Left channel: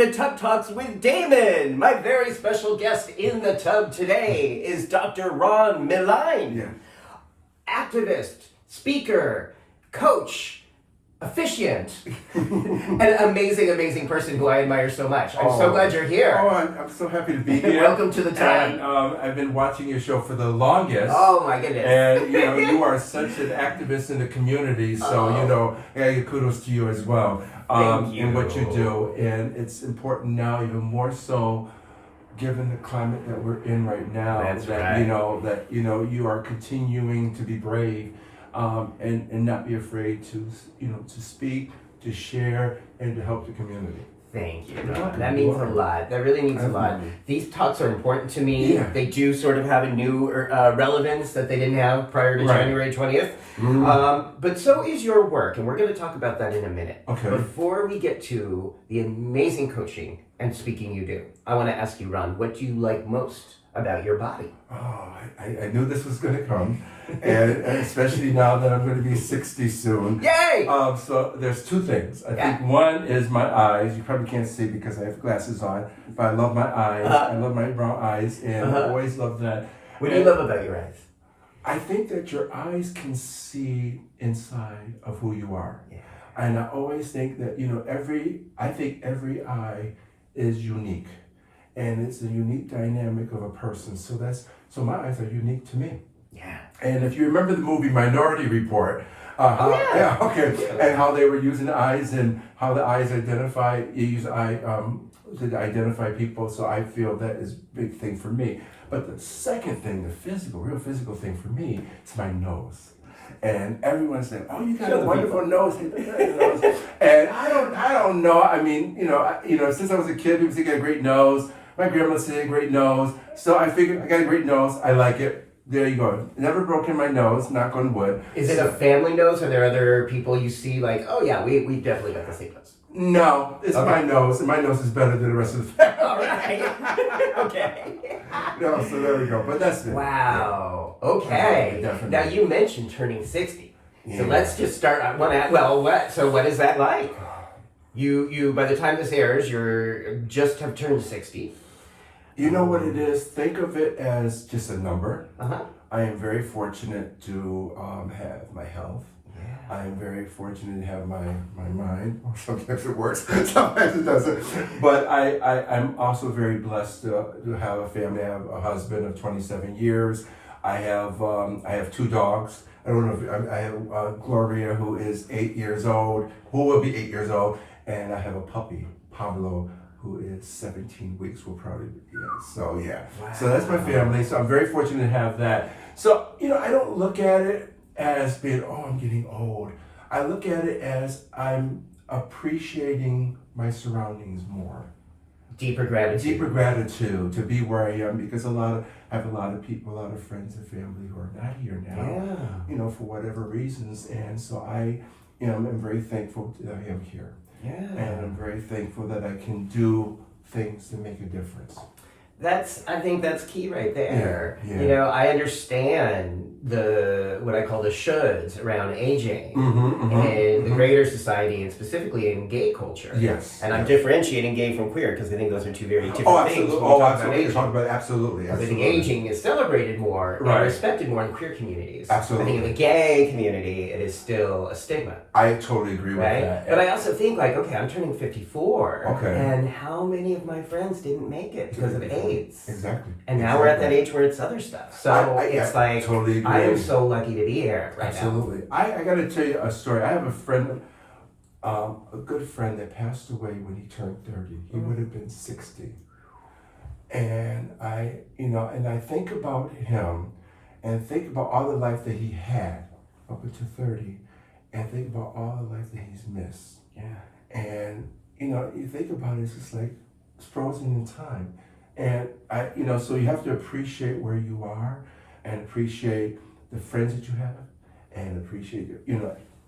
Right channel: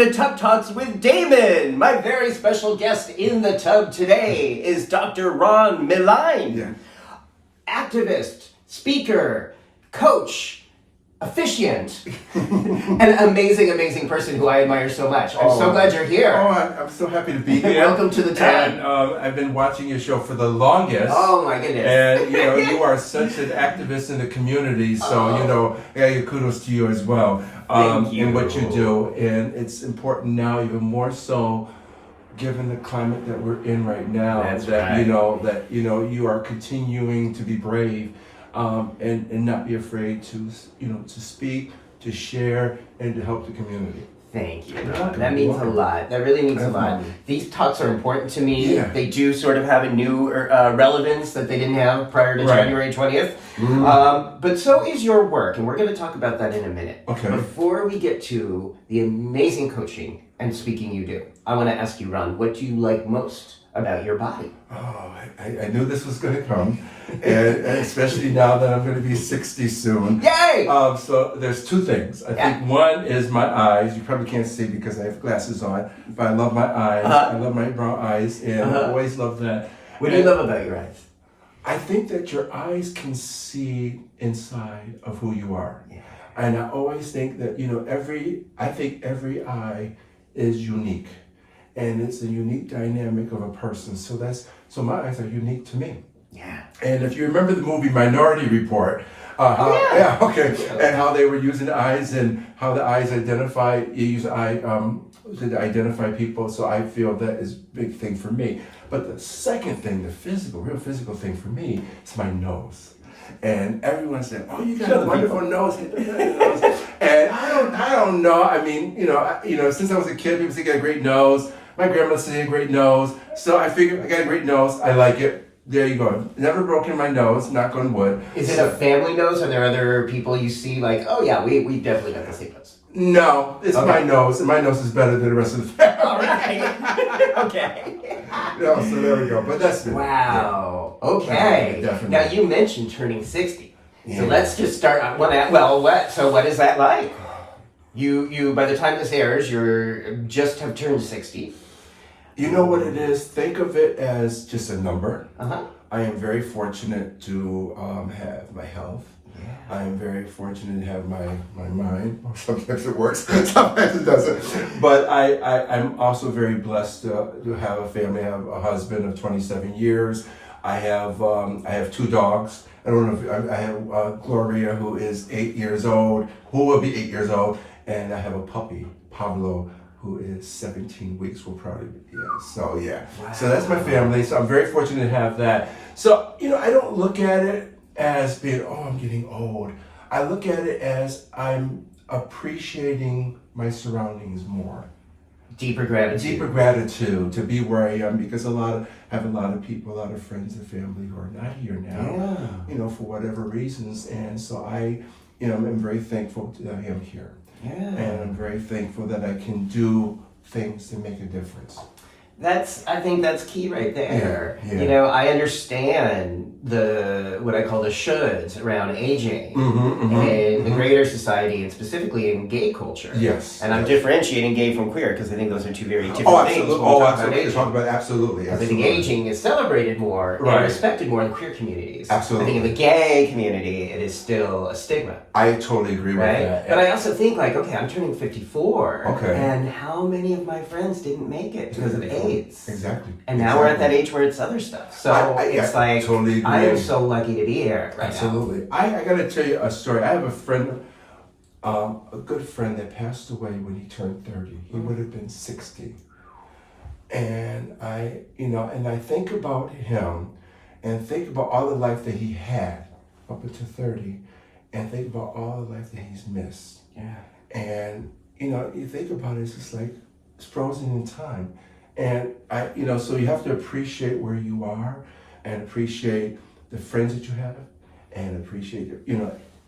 to Tub Talks with Damon. My very special guest in the tub today is Dr. Ron Milon. Yeah. Activist, speaker, coach, officiant, an amazing person who I admire so much. I'm so glad you're here. Oh, I'm so happy to be here. Welcome to the tub. And I've been watching your show for the longest. Oh my goodness. And you are such an activist in the community, so I gotta give kudos to you as well. Thank you. In what you do. And it's important now, even more so, given the climate that we're in right now, That's that right. you are continuing to be brave, and not be afraid to speak, to share, and to help the community. Thank you. You're welcome. That means a lot. That really means a lot. Absolutely. These talks are important to me. Yeah. They do sort of have a new relevance that they didn't have prior to Right. January 20th. Mm. But so is your work, and we're going to talk about that in a minute. Okay. Before we get to the amazing coaching and speaking you do, I want to ask you, Ron, what do you like most about your body? Oh, I knew this was going to come, and especially now that I'm going to be 60 soon. Yay! So there's two things. I think one is my eyes. You probably can't see because I have glasses on, but I love my eyes. I love my brown eyes, and I always love that. What do you love about your eyes? I think that your eyes can see inside of who you are. Yeah. And I always think that, I think every eye is unique. And it's a unique dynamic of a person. So my eyes are unique to me. Yeah. And if you remember the movie Minority Report, and how they were using eyes and how the eyes to identify people. So I feel that is a big thing for me. But the second thing, real physical thing for me is my nose. And everyone's saying, "Oh, you got a wonderful nose." And I don't know. I mean, since I was a kid, people say I got a great nose. My grandma said I had a great nose. So I figured I got a great nose. I like it. There you go. Never broken my nose, knock on wood. Is it a family nose? Are there other people you see like, oh yeah, we definitely got the same nose? No, it's my nose, and my nose is better than the rest of the family. All right. Okay. No, so there we go. But that's it. Wow. Okay. Definitely. Now you mentioned turning 60. So Yeah. let's just start. So what is that like? You by the time this airs, you're just have turned 60. You know what it is? Think of it as just a number. Uh-huh. I am very fortunate to have my health. Yeah. I am very fortunate to have my mind. Sometimes it works, sometimes it doesn't. But I'm also very blessed to have a family. I have a husband of 27 years. I have two dogs. I don't know if I have Gloria, who is 8 years old, who will be 8 years old, and I have a puppy, Pablo, who is 17 weeks, will probably be, So Wow. So that's my family. So I'm very fortunate to have that. So, I don't look at it as being, I'm getting old. I look at it as I'm appreciating my surroundings more. Deeper gratitude. Deeper gratitude to be where I am, because I have a lot of people, a lot of friends and family who are not here now, for whatever reasons. And so I'm very thankful that I am here. Yeah. And I'm very thankful that I can do things to make a difference. I think that's key right there. Yeah. I understand what I call the shoulds around aging in the greater society, and specifically in gay culture. Yes. And I'm differentiating gay from queer because I think those are two very different things. Absolutely. Talk about absolutely. I think aging is celebrated more and Right. respected more in queer communities. Absolutely. I think in the gay community, it is still a stigma. I totally agree with Right? that. But I also think I'm turning 54. Okay. And how many of my friends didn't make it because of AIDS? Exactly. And now we're at that age where it's other stuff. So it's like, totally agree. I am so lucky to be here right Absolutely. I got to tell you a story. I have a friend, a good friend that passed away when he turned 30. He would have been 60. And I think about him and think about all the life that he had up until 30, and think about all the life that he's missed. now. Yeah. And, you think about it, it's just like it's frozen in time. And so you have to appreciate where you are, and appreciate the friends that you have, and appreciate,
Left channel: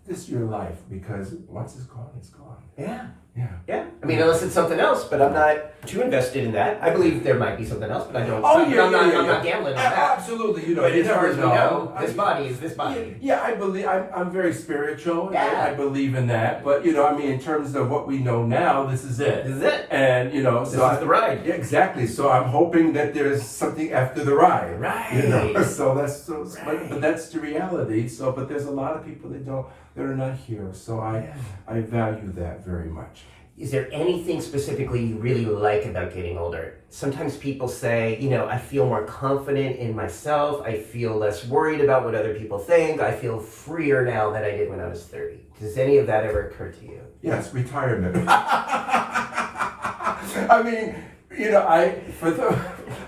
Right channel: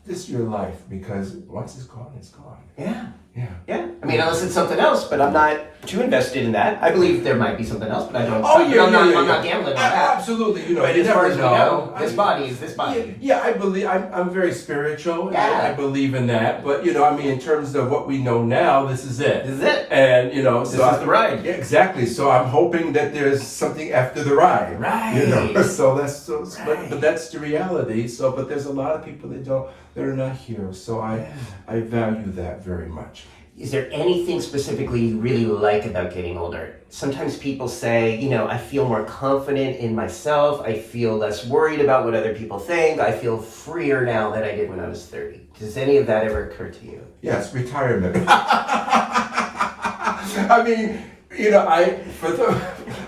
just your life, because once it's gone, it's gone. Yeah. Yeah. Yeah. I mean, unless it's something else, but I'm not too invested in that. I believe there might be something else, but I don't. Oh, yeah, I'm yeah, not yeah. gambling on that. Absolutely, you know, But you as far never as we know, this body is this body. Yeah, I believe I'm very spiritual. Yeah. I believe in that. But you know, I mean, in terms of what we know now, this is it. This is it. And you know, This is the ride. Yeah, exactly. So I'm hoping that there's something after the ride. Right. You know. So that's Right. but that's the reality. So, but there's a lot of people that are not here. So I value that very much. Is there anything specifically you really like about getting older? Sometimes people say, you know, I feel more confident in myself. I feel less worried about what other people think. I feel freer now than I did when I was 30. Does any of that ever occur to you? Yes, retirement. I mean, you know,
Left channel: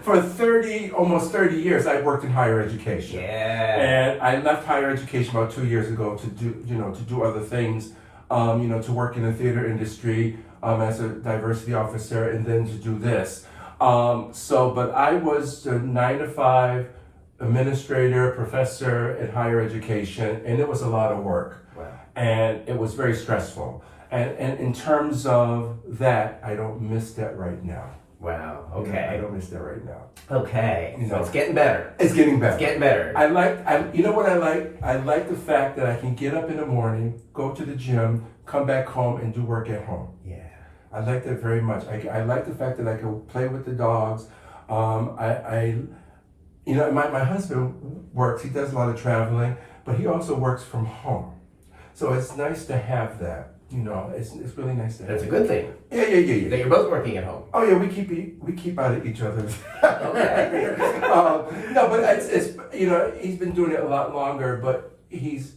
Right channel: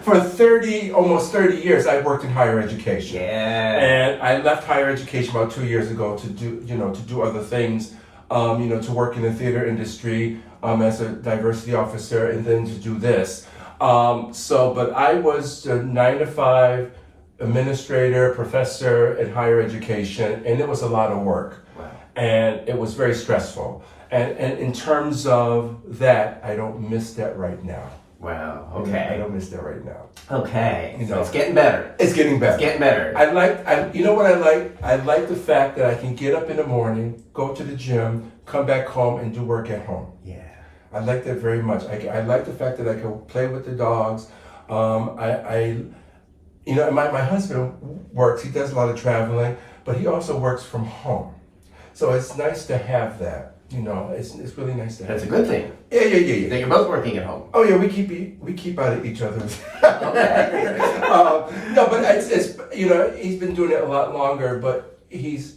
for 30, almost 30 years, I worked in higher education. Yeah. And I left higher education about 2 years ago to do other things. To work in the theater industry as a diversity officer, and then to do this. But I was a 9-to-5 administrator, professor in higher education, and it was a lot of work. Wow. And it was very stressful. And in terms of that, I don't miss that right now. Wow. I Okay. don't miss that right now. Okay. You So know. it's getting better. It's getting better. It's getting better. You know what I like? I like the fact that I can get up in the morning, go to the gym, come back home, and do work at home. Yeah. I like that very much. I like the fact that I can play with the dogs. My husband works. He does a lot of traveling, but he also works from home. So it's nice to have that. You know, it's really nice to have. That's a good thing. Yeah. That you're both working at home. Oh yeah, we keep out of each other's. Okay. No, but it's you know, he's been doing it a lot longer, but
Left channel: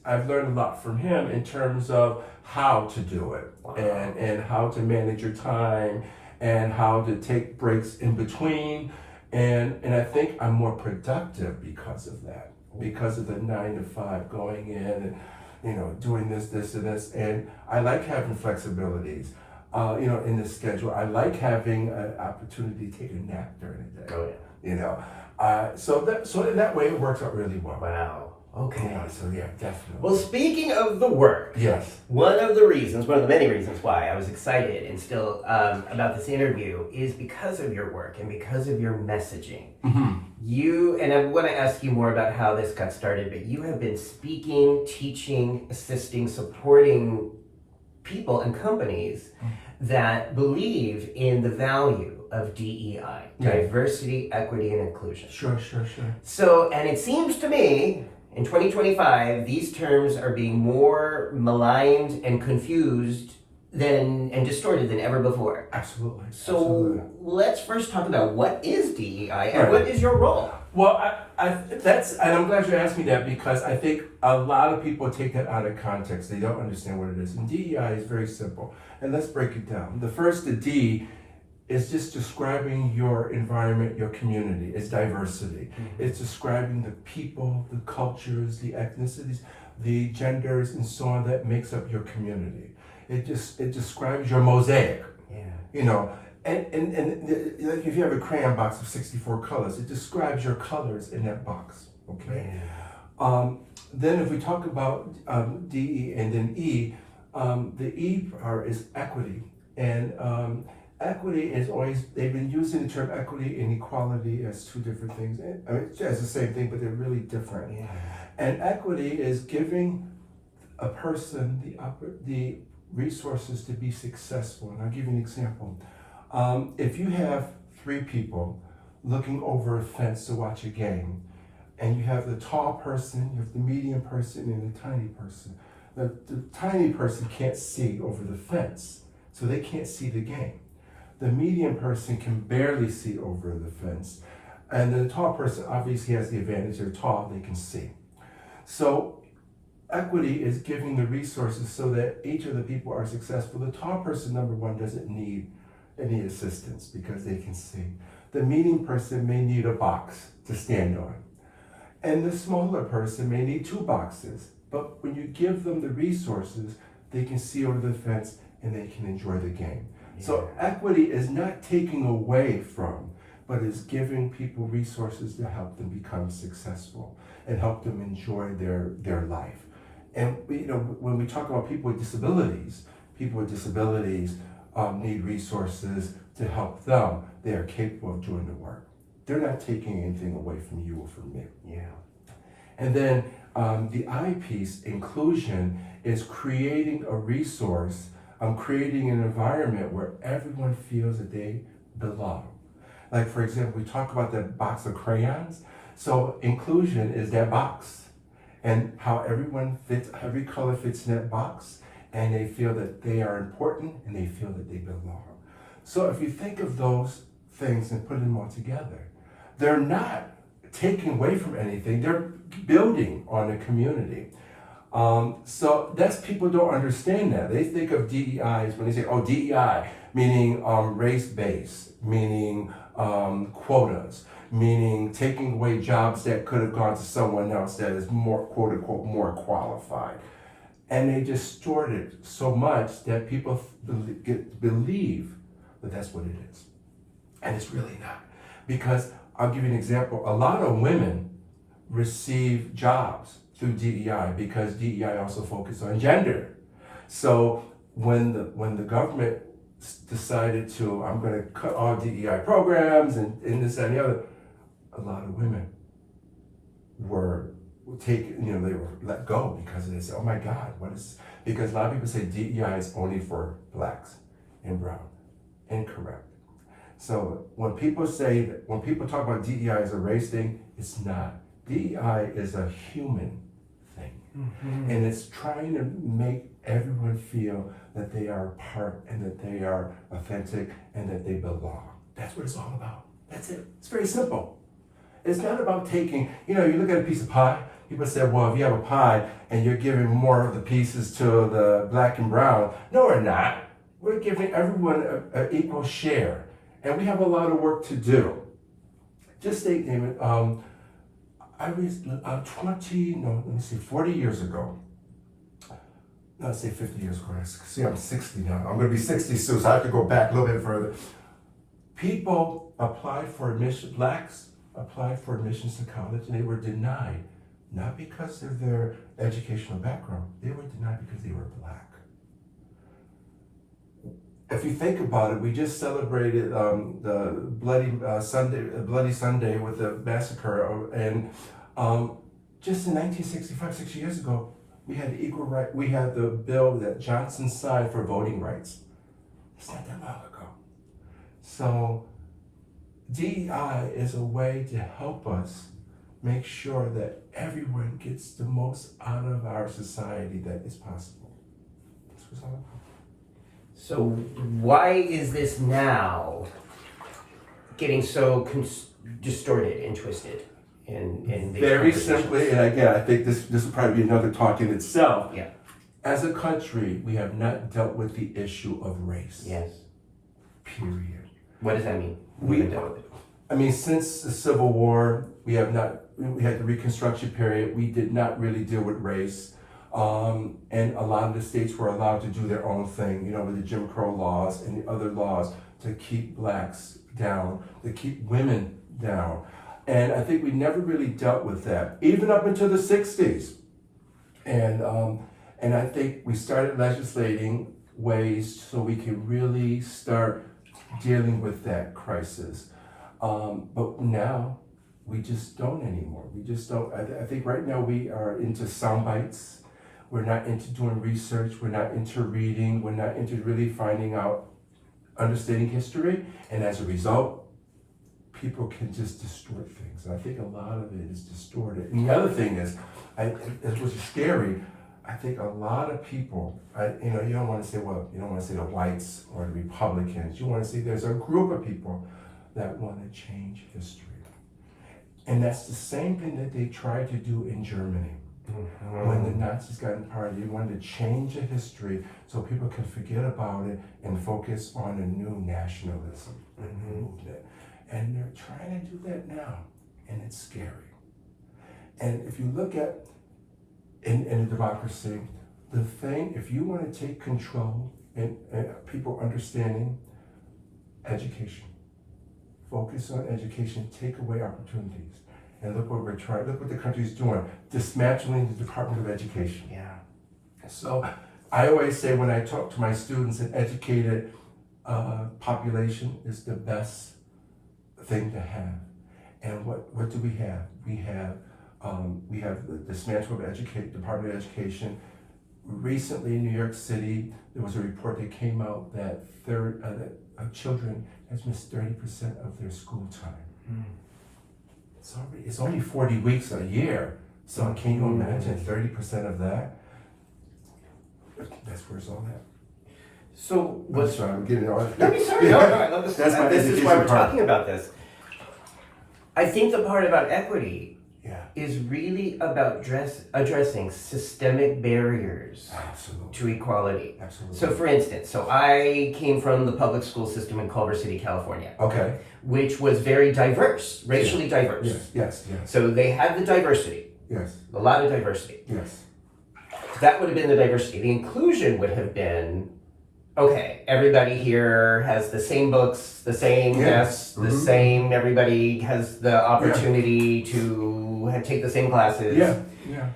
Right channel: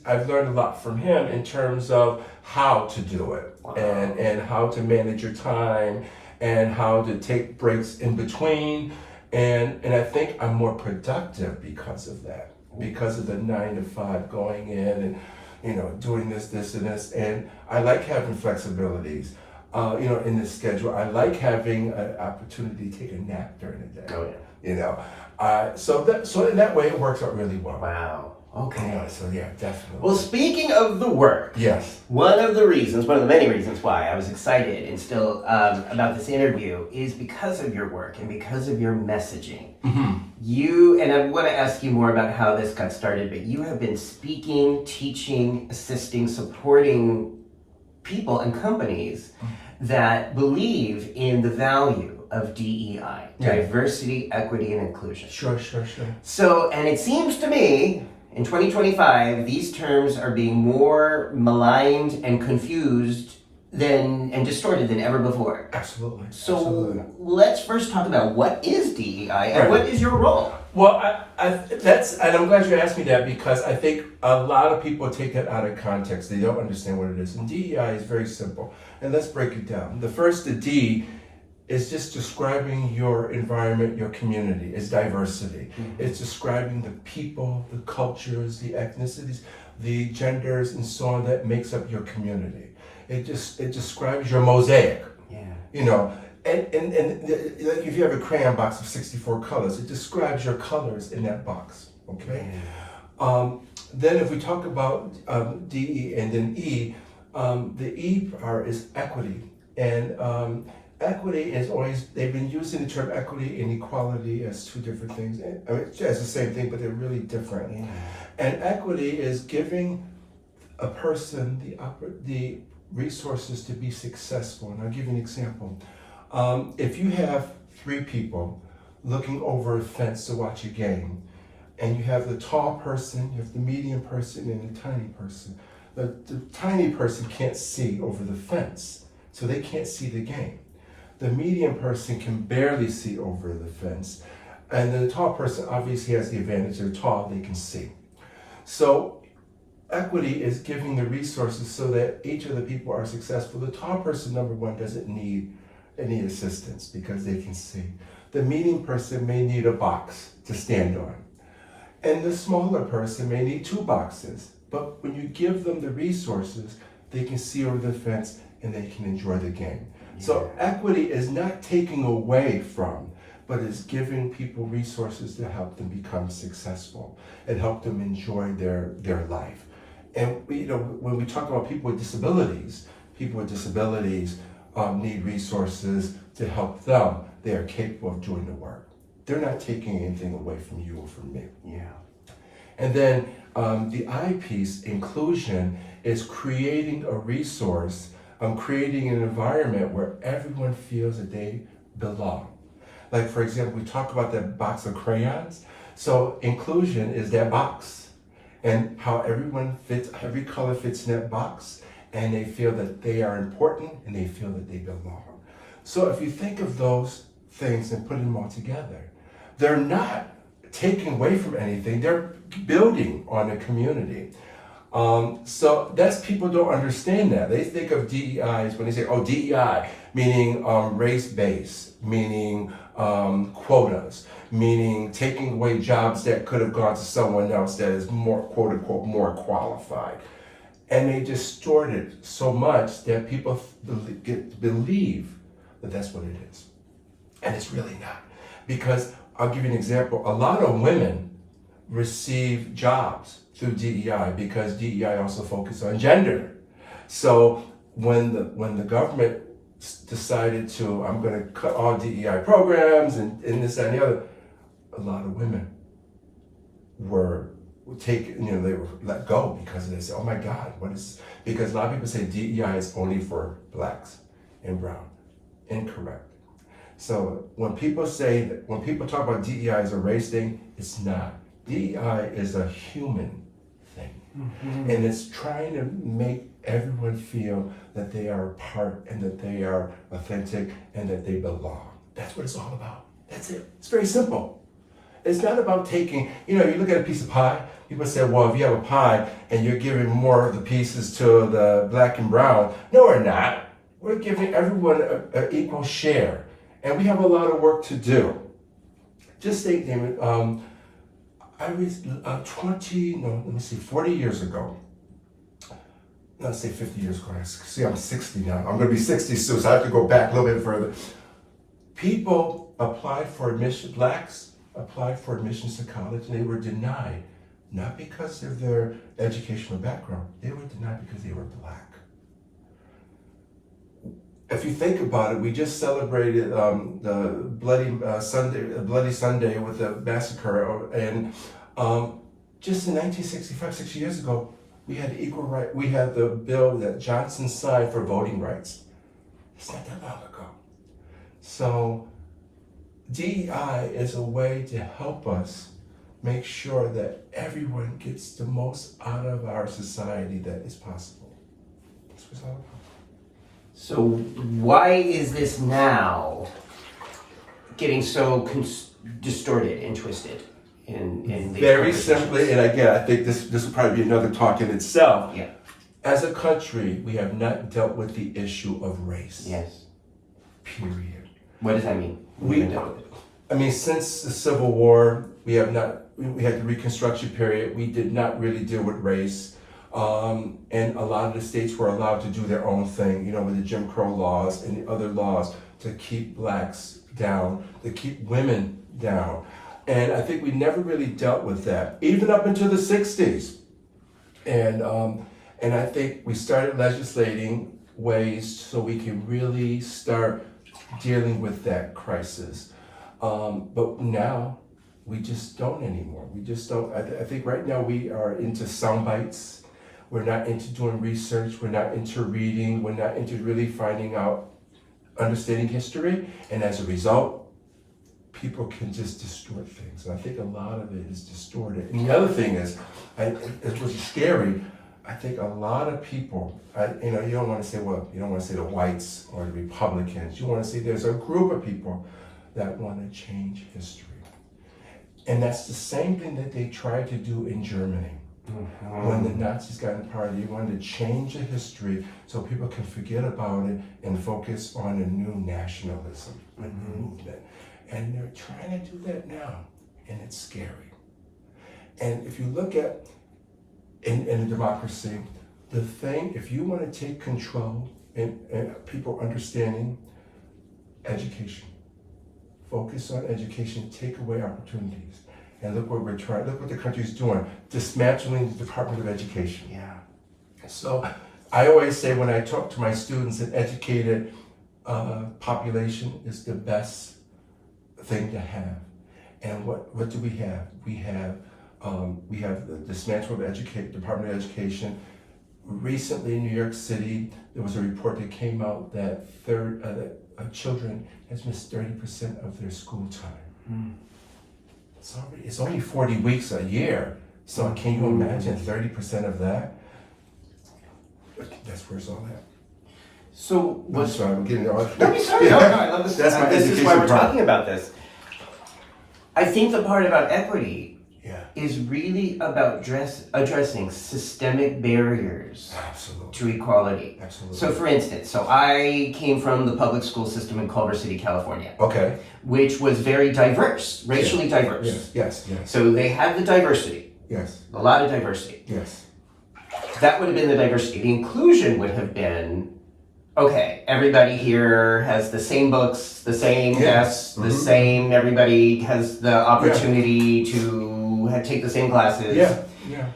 I've learned a lot from him in terms of how to do it. Wow. and how to manage your time and how to take breaks in between, and I think I'm more productive because of that, because of the 9-to-5 going in and doing this and this, and I like having flexibilities in the schedule. I like having an opportunity to take a nap during the day. Oh, yeah. So in that way it works out really well. Wow. Okay. Yeah, definitely. Well, speaking of the work, Yes. one of the many reasons why I was excited and still about this interview is because of your work and because of your messaging. Mm-hmm. And I want to ask you more about how this got started, but you have been speaking, teaching, assisting, supporting people and companies that believe in the value of DEI, diversity, equity, and inclusion. Sure. So, and it seems to me, in 2025, these terms are being more maligned and confused and distorted than ever before. Absolutely. So let's first talk about what is DEI and Right. what is your role? Well, and I'm glad you asked me that, because I think a lot of people take that out of context. They don't understand what it is. And DEI is very simple. And let's break it down. The D is just describing your environment, your community. It's diversity. Mm-hmm. It's describing the people, the cultures, the ethnicities, the genders, and so on that makes up your community. It describes your mosaic. Yeah. And like if you have a crayon box of 64 colors, it describes your colors in that box. Okay. Yeah. Then if we talk about DE and then E, the E part is equity, and equity is always, they've been using the term equity and equality as two different things. I mean, it's the same thing, but they're really different. Yeah. And equity is giving a person the resources to be successful. And I'll give you an example. If you have 3 people looking over a fence to watch a game, and you have the tall person, you have the medium person, and the tiny person. The tiny person can't see over the fence, so they can't see the game. The medium person can barely see over the fence, and the tall person obviously has the advantage. They're tall, they can see. So equity is giving the resources so that each of the people are successful. The tall person, number one, doesn't need any assistance because they can see. The medium person may need a box to stand on. And the smaller person may need 2 boxes. But when you give them the resources, they can see over the fence and they can enjoy the game. Yeah. So equity is not taking away from, but is giving people resources to help them become successful and help them enjoy their life. And when we talk about people with disabilities need resources to help them, they are capable of doing the work. They're not taking anything away from you or from me. Yeah. And then the I piece, inclusion, is creating a resource, creating an environment where everyone feels that they belong. Like, for example, we talk about that box of crayons. So inclusion is that box, and how everyone fits, every color fits in that box, and they feel that they are important and they feel that they belong. So if you think of those things and put them all together, they're not taking away from anything, they're building on a community. So that's, people don't understand that. They think of DEIs when they say, oh, DEI, meaning race-based, meaning quotas, meaning taking away jobs that could have gone to someone else that is more, quote unquote, more qualified. And they distort it so much that people believe that that's what it is. And it's really not. Because I'll give you an example. A lot of women receive jobs through DEI because DEI also focuses on gender. So when the government decided to, I'm going to cut all DEI programs and this, that, and the other, a lot of women were taken, they were let go because they said, oh my God, what is, because a lot of people say DEI is only for blacks and brown. Incorrect. So when people say that, when people talk about DEI as a race thing, it's not. DEI is a human thing. Mm-hmm. And it's trying to make everyone feel that they are a part and that they are authentic and that they belong. That's what it's all about. That's it. It's very simple. It's not about taking, you look at a piece of pie, people say, well, if you have a pie and you're giving more of the pieces to the black and brown, no, we're not. We're giving everyone an equal share. And we have a lot of work to do. Just think, Damon, I was 40 years ago. Let's say 50 years ago. See, I'm 60 now. I'm going to be 60 soon, so I have to go back a little bit further. People applied for admission, blacks applied for admissions to college, and they were denied. Not because of their educational background. They were denied because they were black. If you think about it, we just celebrated the Bloody Sunday with the massacre, and just in 1965, 60 years ago, we had the equal right. We had the bill that Johnson signed for voting rights. It's not that long ago. So DEI is a way to help us make sure that everyone gets the most out of our society that is possible. That's what it's all about. So why is this now getting so distorted and twisted in these Very simply, and again, I think this will probably be another talk in itself. Yeah. As a country, we have not dealt with the issue of race. Yes. Period. What does that mean? Since the Civil War, we had the Reconstruction period, we did not really deal with race. And a lot of the states were allowed to do their own thing, with the Jim Crow laws and the other laws to keep blacks down, to keep women down. And I think we never really dealt with that, even up into the 60s. And I think we started legislating ways so we can really start dealing with that crisis. But now we just don't anymore. We just don't. I think right now we are into sound bites. We're not into doing research. We're not into reading. We're not into really finding out, understanding history. And as a result, people can just distort things. And I think a lot of it is distorted. And the other thing is, it was scary. I think a lot of people, you don't want to say, you don't want to say the whites or the Republicans. You want to say there's a group of people that want to change history. And that's the same thing that they tried to do in Germany. Mm-hmm. When the Nazis got in power, they wanted to change the history so people can forget about it and focus on a new nationalism movement. And they're trying to do that now, and it's scary. And if you look at in a democracy, the thing, if you want to take control and people understanding education, focus on education, take away opportunities. And look what look what the country's doing, dismantling the Department of Education. Yeah. So I always say when I talk to my students, an educated population is the best thing to have. And what do we have? We have the dismantlement of Department of Education. Recently in New York City, there was a report that came out that children has missed 30% of their school time. It's only 40 weeks a year. So can you imagine 30% of that? That's where it's all at. So I'm sorry, I'm getting all. No, be sorry. No, I love this. That's my this is why education we're part. talking about this. I think the part about equity Yeah. is really about addressing systemic barriers Absolutely. to equality. Absolutely. So for instance, I came from the public school system in Culver City, California, Okay. which was very diverse, racially diverse. Yes. So they had the diversity, Yes. a lot of diversity. Yes. That would have been the diversity. The inclusion would have been, okay, everybody here has the same books, the same desks, the same, everybody has the opportunity to take the same classes. Yeah.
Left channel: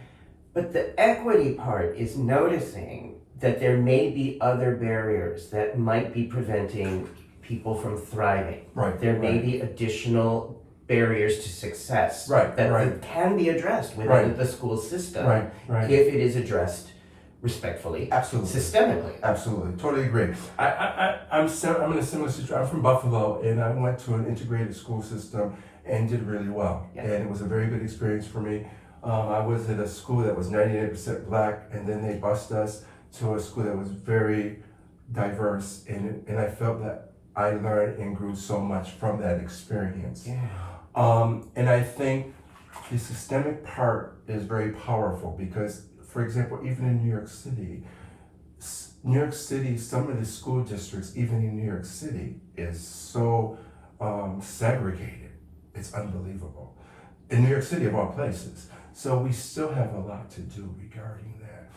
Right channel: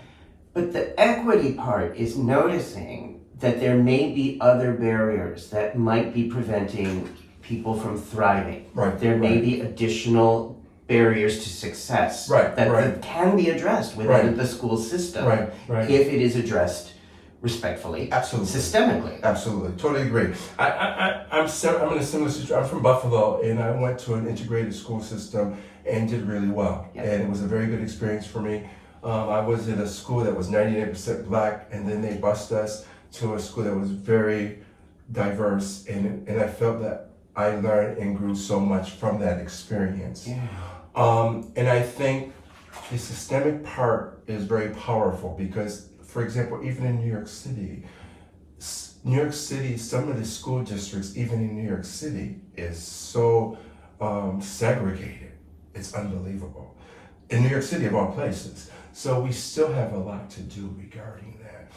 But the equity part is noticing that there may be other barriers that might be preventing people from thriving. Right. There may be additional barriers to success that can be addressed within the school system Right. if it is addressed respectfully, Absolutely. systemically. Absolutely, totally agree. I'm in a similar situation. I'm from Buffalo, and I went to an integrated school system and did really well. Yeah. And it was a very good experience for me. I was at a school that was 99% black, and then they bused us to a school that was very diverse, and I felt that I learned and grew so much from that experience. Yeah. And I think the systemic part is very powerful because, for example, even in New York City, some of the school districts, even in New York City, is so segregated. It's unbelievable. In New York City, of all places. So we still have a lot to do regarding that.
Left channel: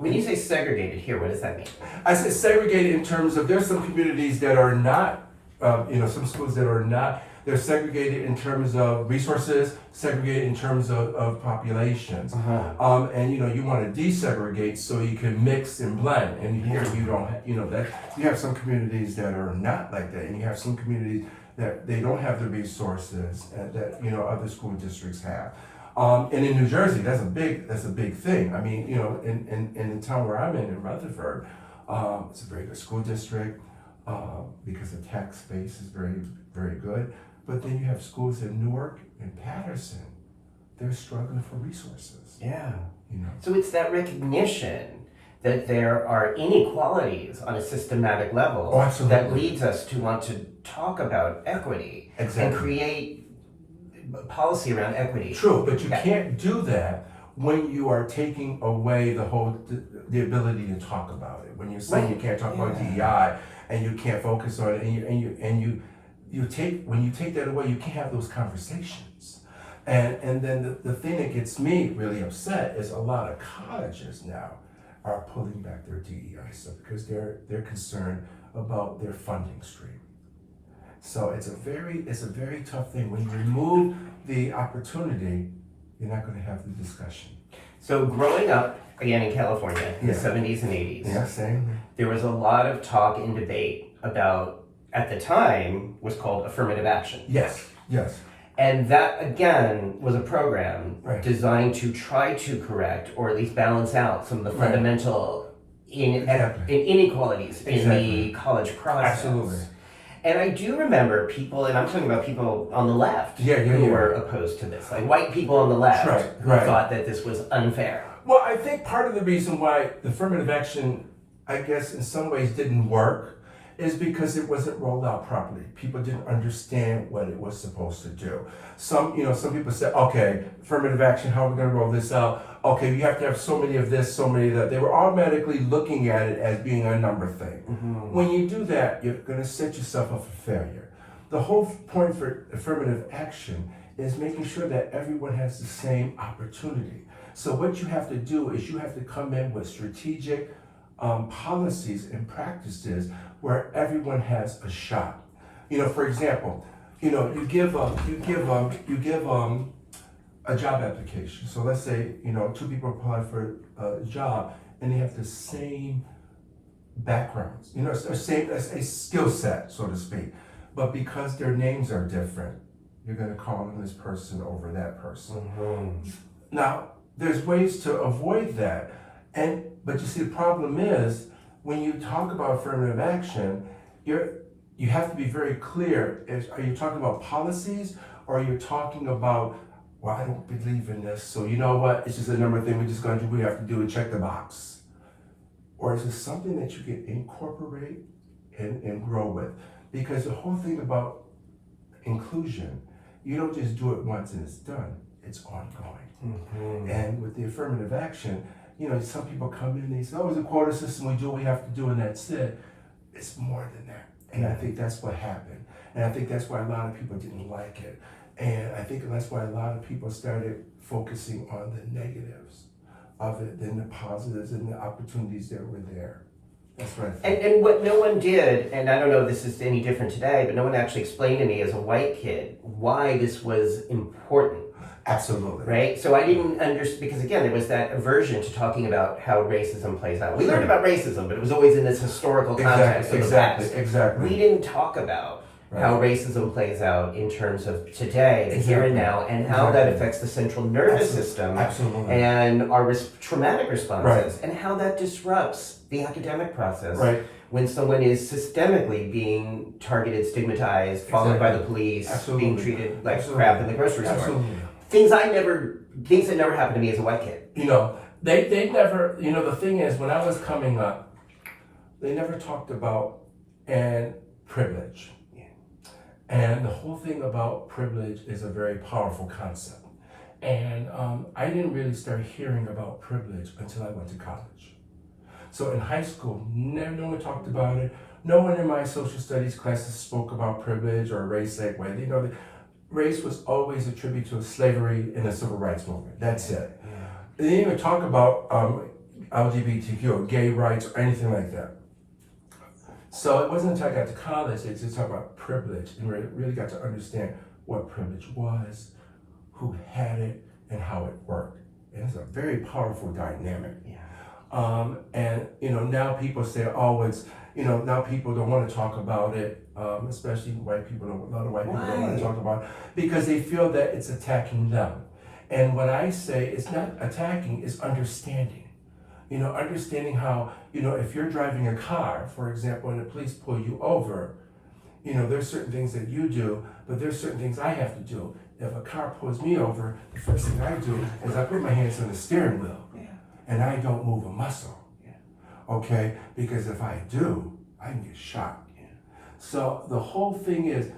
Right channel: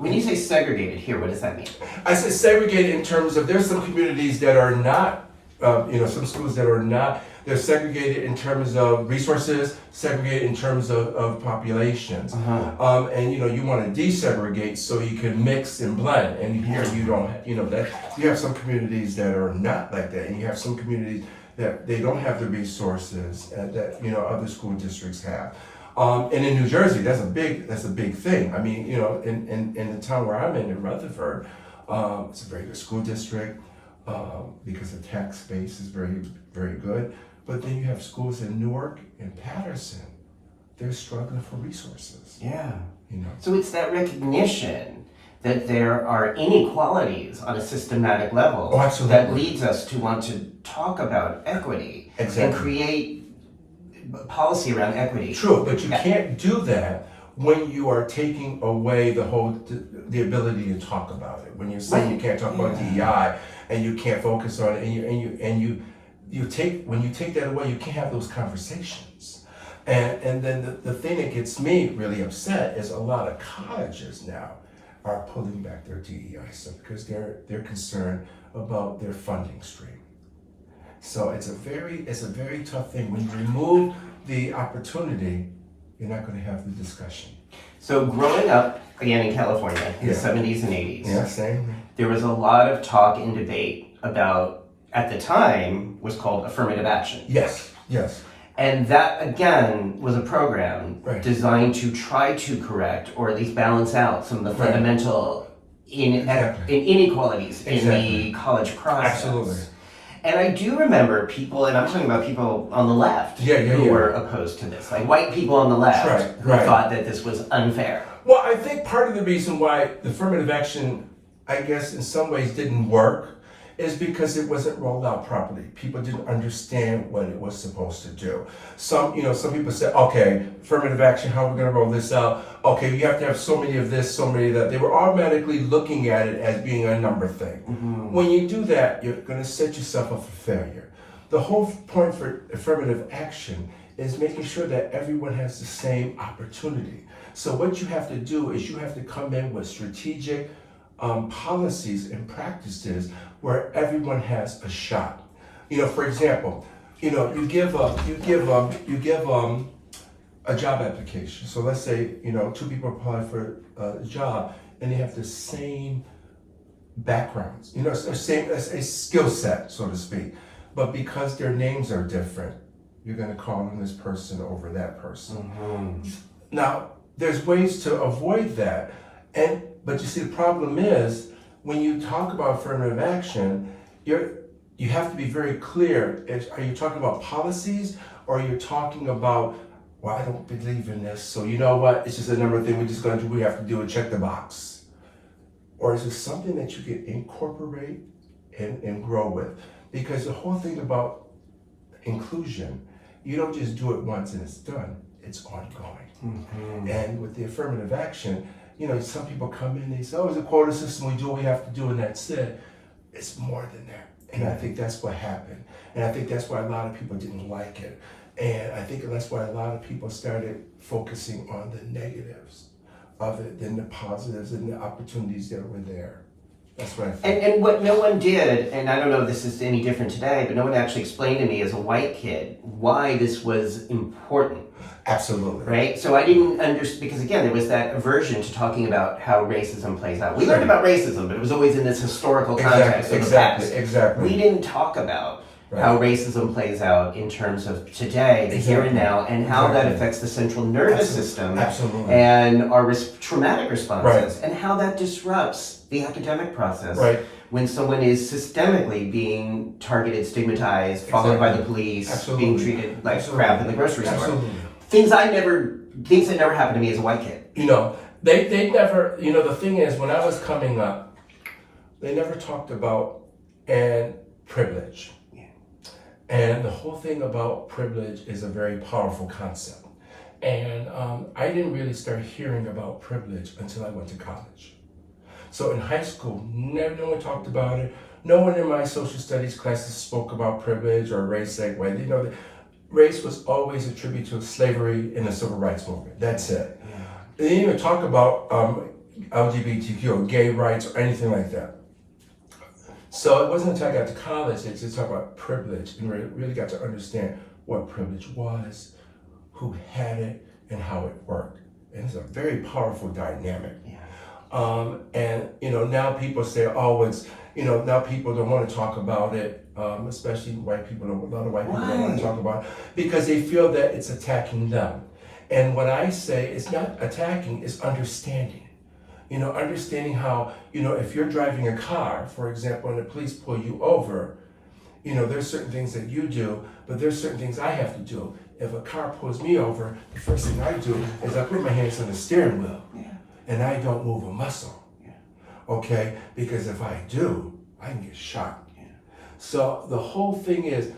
When you say segregated here, what does that mean? I say segregated in terms of there's some communities that are not, some schools that are not, they're segregated in terms of resources, segregated in terms of populations. And you want to desegregate so you can mix and blend. And here you don't have, that you have some communities that are not like that. And you have some communities that they don't have the resources that other school districts have. And in New Jersey, that's a big thing. I mean, in the town where I'm in Rutherford, it's a very good school district because the tax base is very, very good. But then you have schools in Newark and Patterson. They're struggling for resources. Yeah. You know. So it's that recognition that there are inequalities on a systematic level that leads us to want to talk about equity and create policy around equity. True, but you can't do that when you are taking away the ability to talk about it. When you're saying you can't talk about DEI and you can't focus on it, when you take that away, you can't have those conversations. And then the thing that gets me really upset is a lot of colleges now are pulling back their DEI stuff because they're concerned about their funding stream. So it's a very tough thing. When you remove the opportunity, you're not going to have the discussion. So growing up, again in California, in the 70s and 80s, there was a lot of talk and debate about, at the time, was called affirmative action. Yes. And that, again, was a program designed to try to correct, or at least balance out, some of the fundamental inequalities in the college process. Absolutely. And I do remember people, and I'm talking about people on the left, who were opposed to this. Like white people on the left who thought that this was unfair. Well, I think part of the reason why the affirmative action, I guess, in some ways didn't work is because it wasn't rolled out properly. People didn't understand what it was supposed to do. Some people said, okay, affirmative action, how are we going to roll this out? Okay, you have to have so many of this, so many of that. They were automatically looking at it as being a number thing. When you do that, you're going to set yourself up for failure. The whole point for affirmative action is making sure that everyone has the same opportunity. So what you have to do is you have to come in with strategic policies and practices where everyone has a shot. For example, you give a job application. So let's say, two people apply for a job and they have the same backgrounds, a skill set, so to speak. But because their names are different, you're going to call them this person over that person. Mm-hmm. Now, there's ways to avoid that. But you see, the problem is, when you talk about affirmative action, you have to be very clear. Are you talking about policies, or are you talking about, well, I don't believe in this, so you know what, it's just a number of things we're just going to do, we have to do and check the box? Or is it something that you can incorporate and grow with? Because the whole thing about inclusion, you don't just do it once and it's done, it's ongoing. Mm-hmm. And with the affirmative action, some people come in and they say, oh, it's a quota system, we do what we have to do and that's it. It's more than that. And I think that's what happened. And I think that's why a lot of people didn't like it. And I think that's why a lot of people started focusing on the negatives of it than the positives and the opportunities that were there. That's what I think. And what no one did, and I don't know if this is any different today, but no one actually explained to me as a white kid why this was important. Absolutely. Right? So I didn't understand, because again, there was that aversion to talking about how racism plays out. We learned about racism, but it was always in this historical context of the past. Exactly. We didn't talk about how racism plays out in terms of today, the here and now, and how that affects the central nervous system and our traumatic responses, and how that disrupts the academic process when someone is systemically being targeted, stigmatized, followed by the police, being treated like crap in the grocery store. Things that never happened to me as a white kid. They never, the thing is, when I was coming up, they never talked about privilege. And the whole thing about privilege is a very powerful concept. And I didn't really start hearing about privilege until I went to college. So in high school, no one talked about it. No one in my social studies classes spoke about privilege or race that way. Race was always attributed to slavery and the civil rights movement. That's it. They didn't even talk about LGBTQ or gay rights or anything like that. So it wasn't until I got to college that they talked about privilege and really got to understand what privilege was, who had it, and how it worked. And it's a very powerful dynamic. And now people say, oh, it's, now people don't want to talk about it, especially white people. A lot of white people don't want to talk about it because they feel that it's attacking them. And what I say, it's not attacking, it's understanding. Understanding how, if you're driving a car, for example, and the police pull you over, there's certain things that you do, but there's certain things I have to do. If a car pulls me over, the first thing I do is I put my hands on the steering wheel, and I don't move a muscle, okay? Because if I do, I can get shot. So the whole thing is,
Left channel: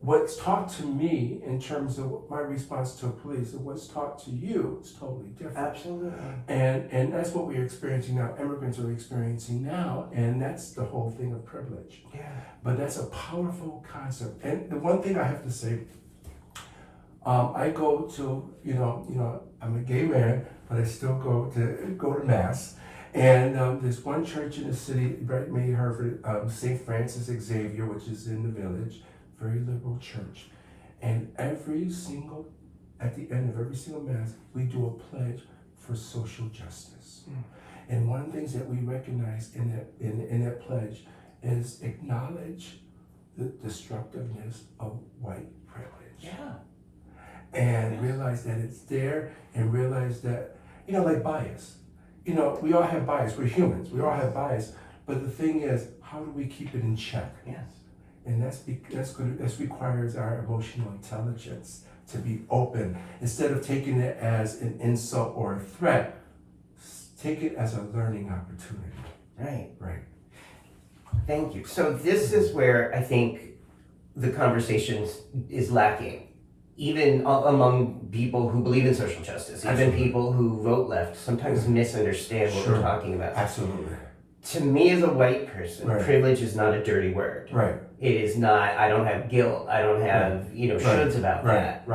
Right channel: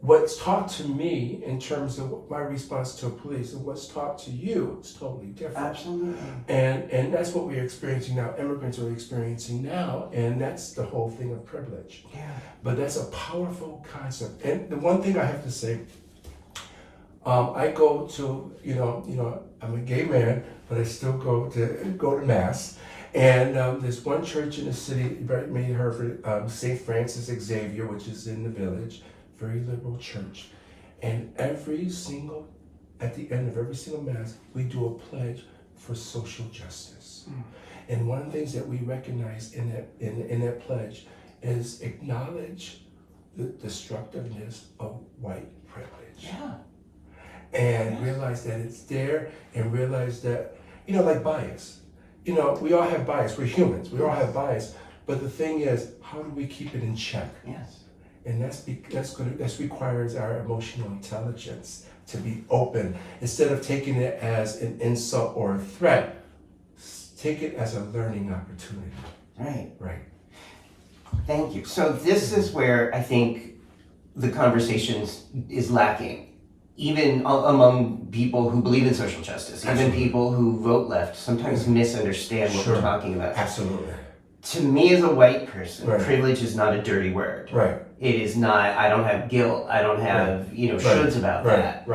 what's taught to me in terms of my response to police and what's taught to you is totally different. Absolutely. And that's what we're experiencing now. Immigrants are experiencing now, and that's the whole thing of privilege. But that's a powerful concept. And the one thing I have to say, I go to, I'm a gay man, but I still go to mass. And there's one church in the city, you may have heard of St. Francis Xavier, which is in the village. Very liberal church, and at the end of every single mass, we do a pledge for social justice. And one of the things that we recognize in that pledge is acknowledge the destructiveness of white privilege. And realize that it's there, and realize that, like bias. We all have bias. We're humans. We all have bias. But the thing is, how do we keep it in check? And that requires our emotional intelligence to be open. Instead of taking it as an insult or a threat, take it as a learning opportunity. Right. Thank you. So this is where I think the conversation is lacking. Even among people who believe in social justice, even people who vote left, sometimes misunderstand what we're talking about. Absolutely. To me as a white person, privilege is not a dirty word. It is not, I don't have guilt, I don't have, shoulds about that.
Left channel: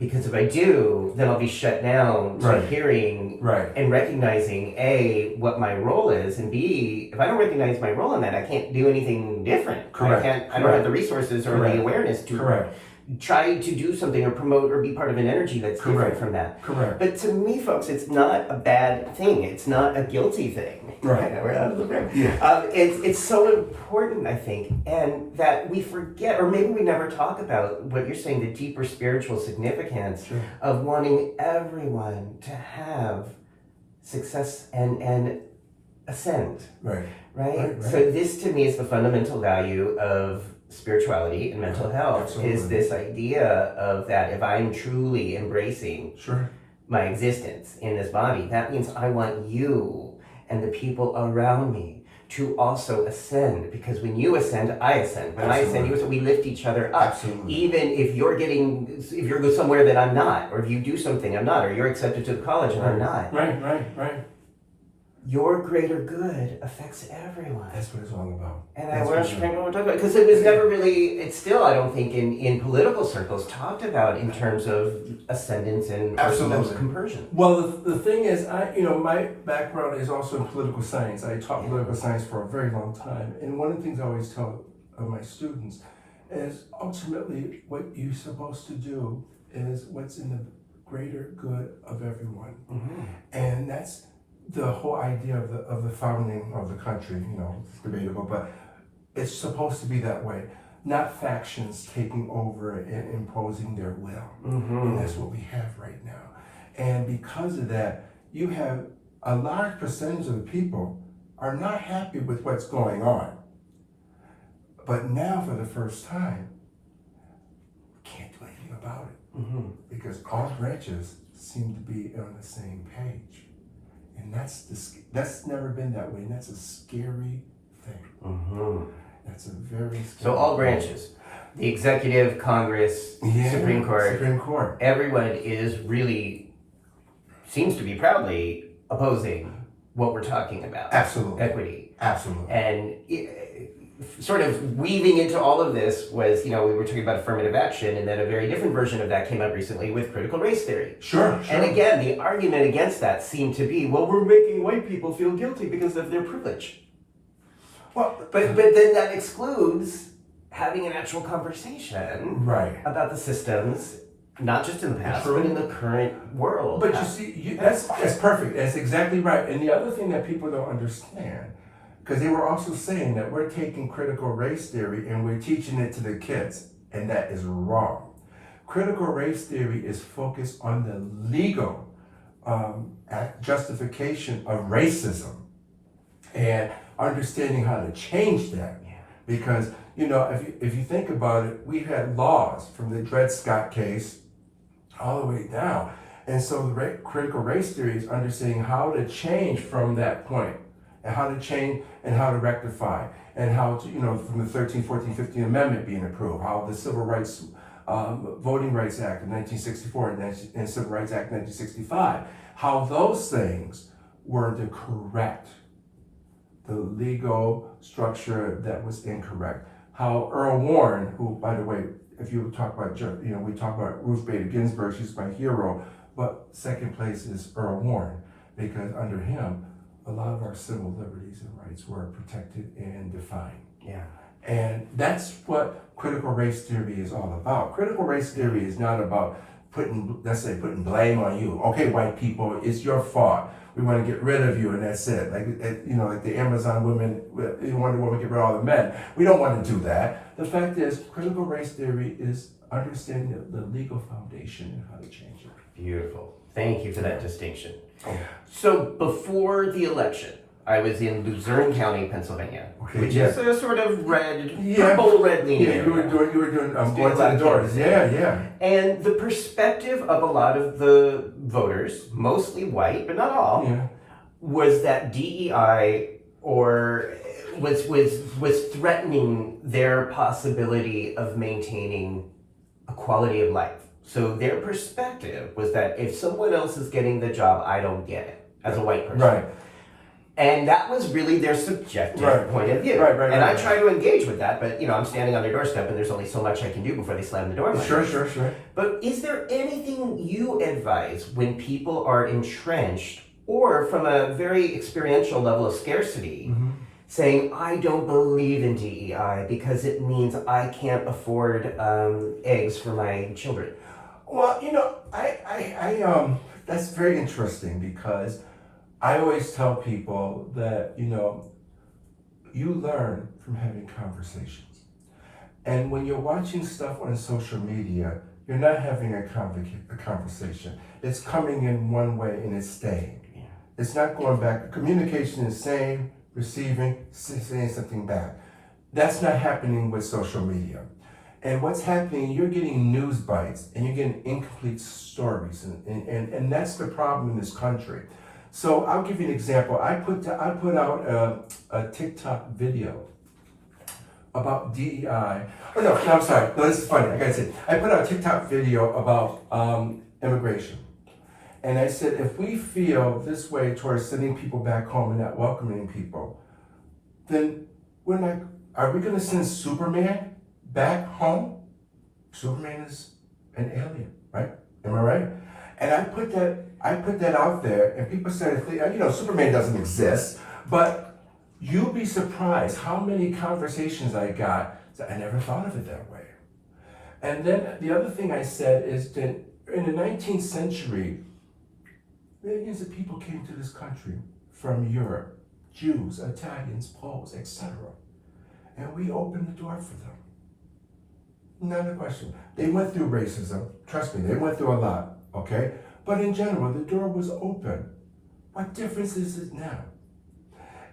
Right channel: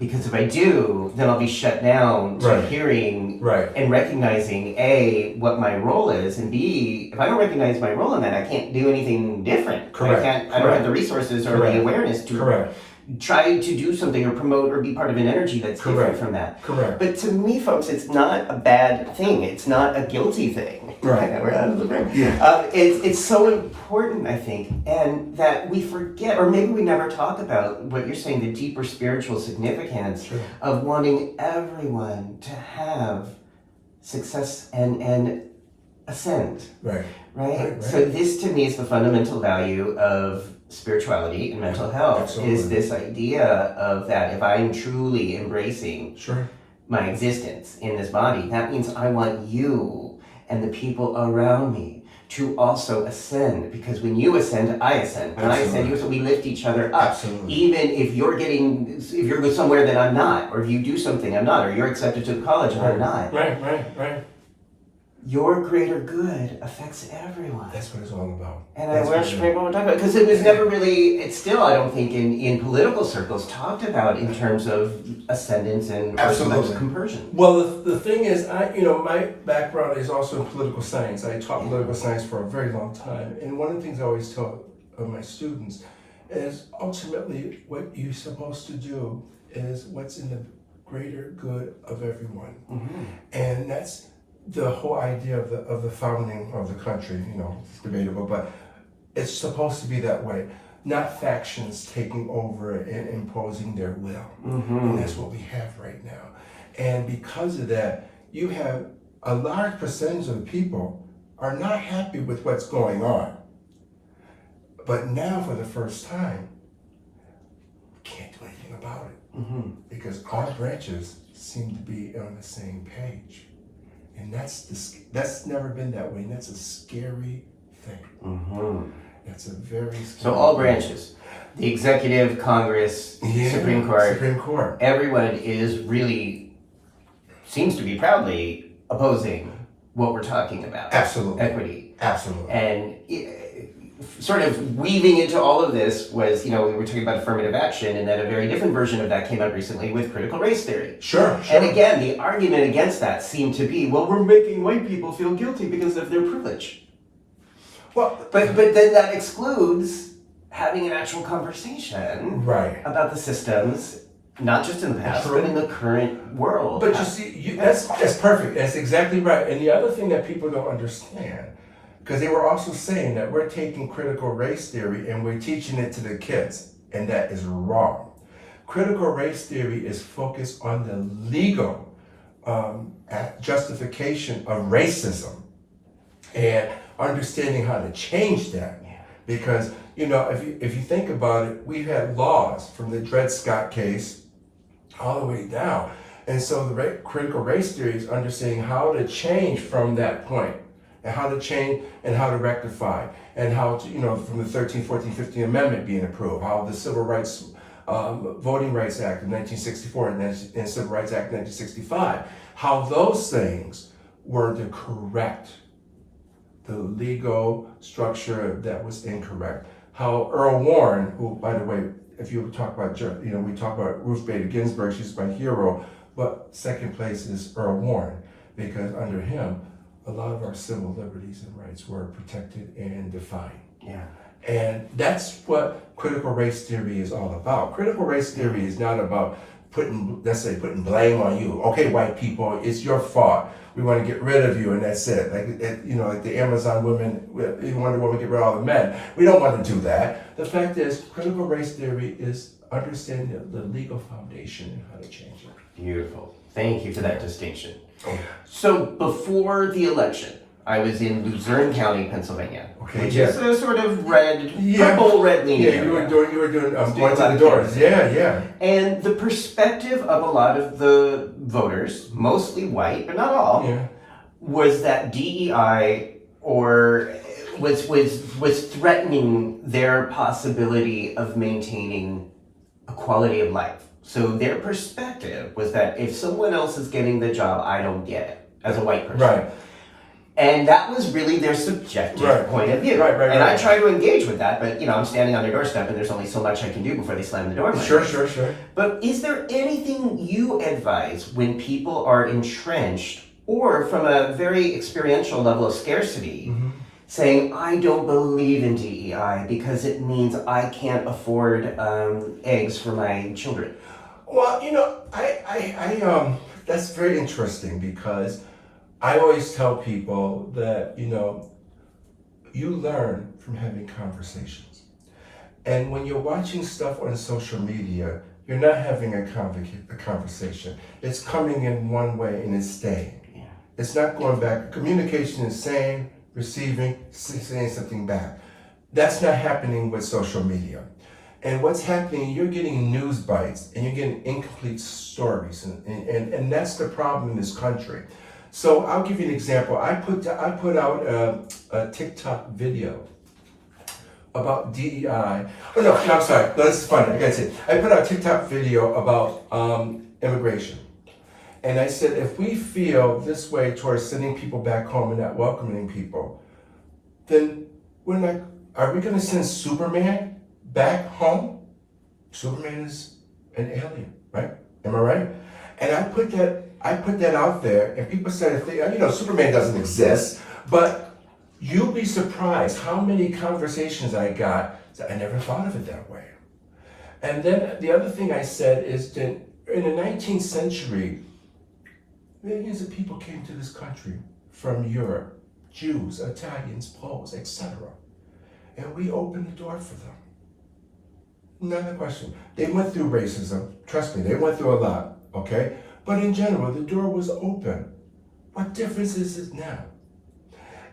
Because if I do, then I'll be shut down to hearing and recognizing A, what my role is, and B, if I don't recognize my role in that, I can't do anything different. I don't have the resources or the awareness to try to do something or promote or be part of an energy that's different from that. Correct. But to me, folks, it's not a bad thing. It's not a guilty thing. Right. We're out of the room. Yeah. It's so important, I think, and that we forget, or maybe we never talk about what you're saying, the deeper spiritual significance of wanting everyone to have success and ascend. Right? So this to me is the fundamental value of spirituality and mental health. Absolutely. Is this idea of that if I'm truly embracing my existence in this body, that means I want you and the people around me to also ascend, because when you ascend, I ascend. When I ascend, you ascend. We lift each other up. Absolutely. Even if you're somewhere that I'm not, or if you do something I'm not, or you're accepted to the college and I'm not. Right. Your greater good affects everyone. That's what it's all about. And I want to explain what we're talking about, because it was never really, it's still, I don't think, in political circles talked about in terms of ascendance and conversion. Well, the thing is, my background is also in political science. I taught political science for a very long time. And one of the things I always tell my students is ultimately what you're supposed to do is what's in the greater good of everyone. And that's the whole idea of the founding of the country. It's debatable, but it's supposed to be that way. Not factions taking over and imposing their will. And that's what we have right now. And because of that, you have a large percentage of the people are not happy with what's going on. But now, for the first time, we can't do anything about it. Because all branches seem to be on the same page. And that's never been that way, and that's a scary thing. That's a very scary So all branches, the executive, Congress, Supreme Court, everyone is really, seems to be proudly opposing what we're talking about. Absolutely. Equity. Absolutely. And sort of weaving into all of this was, we were talking about affirmative action, and then a very different version of that came out recently with critical race theory. Sure. And again, the argument against that seemed to be, well, we're making white people feel guilty because of their privilege. Well, but then that excludes having an actual conversation about the systems, not just in the past, but in the current world. But you see, that's perfect. That's exactly right. And the other thing that people don't understand, because they were also saying that we're taking critical race theory and we're teaching it to the kids, and that is wrong. Critical race theory is focused on the legal justification of racism and understanding how to change that. Because, if you think about it, we've had laws from the Dred Scott case all the way down. And so the critical race theory is understanding how to change from that point, and how to change and how to rectify, and how to, from the 13th, 14th, 15th Amendment being approved, how the Civil Rights, Voting Rights Act of 1964 and Civil Rights Act of 1965, how those things were to correct the legal structure that was incorrect. How Earl Warren, who, by the way, if you talk about, we talk about Ruth Bader Ginsburg, she's my hero, but second place is Earl Warren, because under him, a lot of our civil liberties and rights were protected and defined. And that's what critical race theory is all about. Critical race theory is not about putting blame on you. Okay, white people, it's your fault. We want to get rid of you, and that's it. Like the Amazon women, Wonder Woman get rid of all the men. We don't want to do that. The fact is, critical race theory is understanding the legal foundation and how to change it. Beautiful. Thank you for that distinction. So before the election, I was in Luzerne County, Pennsylvania, which is a sort of purple red leaning area. You were doing going to the doors. And the perspective of a lot of the voters, mostly white, but not all, was that DEI was threatening their possibility of maintaining a quality of life. So their perspective was that if someone else is getting the job, I don't get it as a white person. And that was really their subjective point of view. And I try to engage with that, but I'm standing on their doorstep and there's only so much I can do before they slam the door. Sure. But is there anything you advise when people are entrenched or from a very experiential level of scarcity, saying, I don't believe in DEI because it means I can't afford eggs for my children? Well, that's very interesting because I always tell people that, you learn from having conversations. And when you're watching stuff on social media, you're not having a conversation. It's coming in one way and it's staying. Yeah. It's not going back. Communication is saying, receiving, saying something back. That's not happening with social media. And what's happening, you're getting news bites and you're getting incomplete stories. And that's the problem in this country. So I'll give you an example. I put out a TikTok video about DEI. Oh no, I'm sorry. No, this is funny. I gotta say, I put out a TikTok video about immigration. And I said, if we feel this way towards sending people back home and not welcoming people, then are we gonna send Superman back home? Superman is an alien, right? Am I right? And I put that out there, and people started thinking, Superman doesn't exist, but you'll be surprised how many conversations I got that I never thought of it that way. And then the other thing I said is that in the 19th century, millions of people came to this country from Europe, Jews, Italians, Poles, etc. And we opened the door for them. Another question. They went through racism. Trust me, they went through a lot, okay? But in general, the door was open. What difference is it now?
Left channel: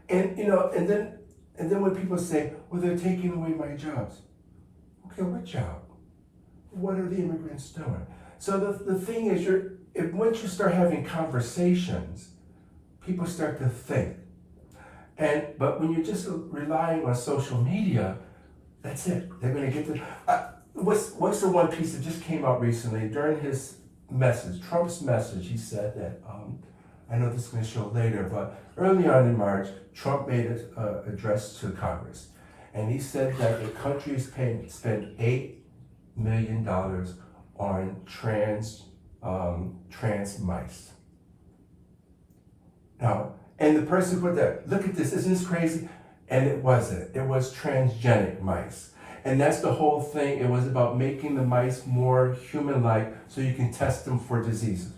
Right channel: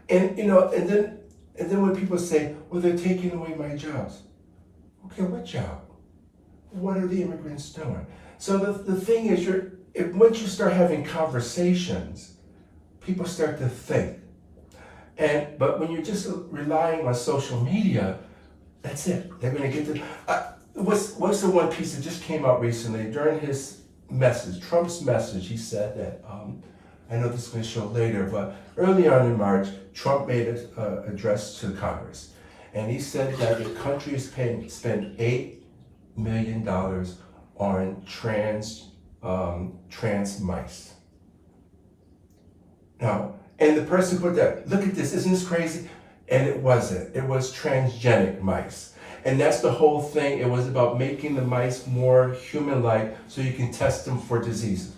And and then when people say, well, they're taking away my jobs. Okay, what job? What are the immigrants doing? So the thing is, once you start having conversations, people start to think. But when you're just relying on social media, that's it. They're going to get to. What's the one piece that just came out recently during his message, Trump's message? He said that. I know this is going to show later, but early on in March, Trump made an address to Congress, and he said that the country is spend $8 million on trans mice. Now, and the person put that, look at this, isn't this crazy? And it wasn't. It was transgenic mice. And that's the whole thing. It was about making the mice more human-like so you can test them for diseases.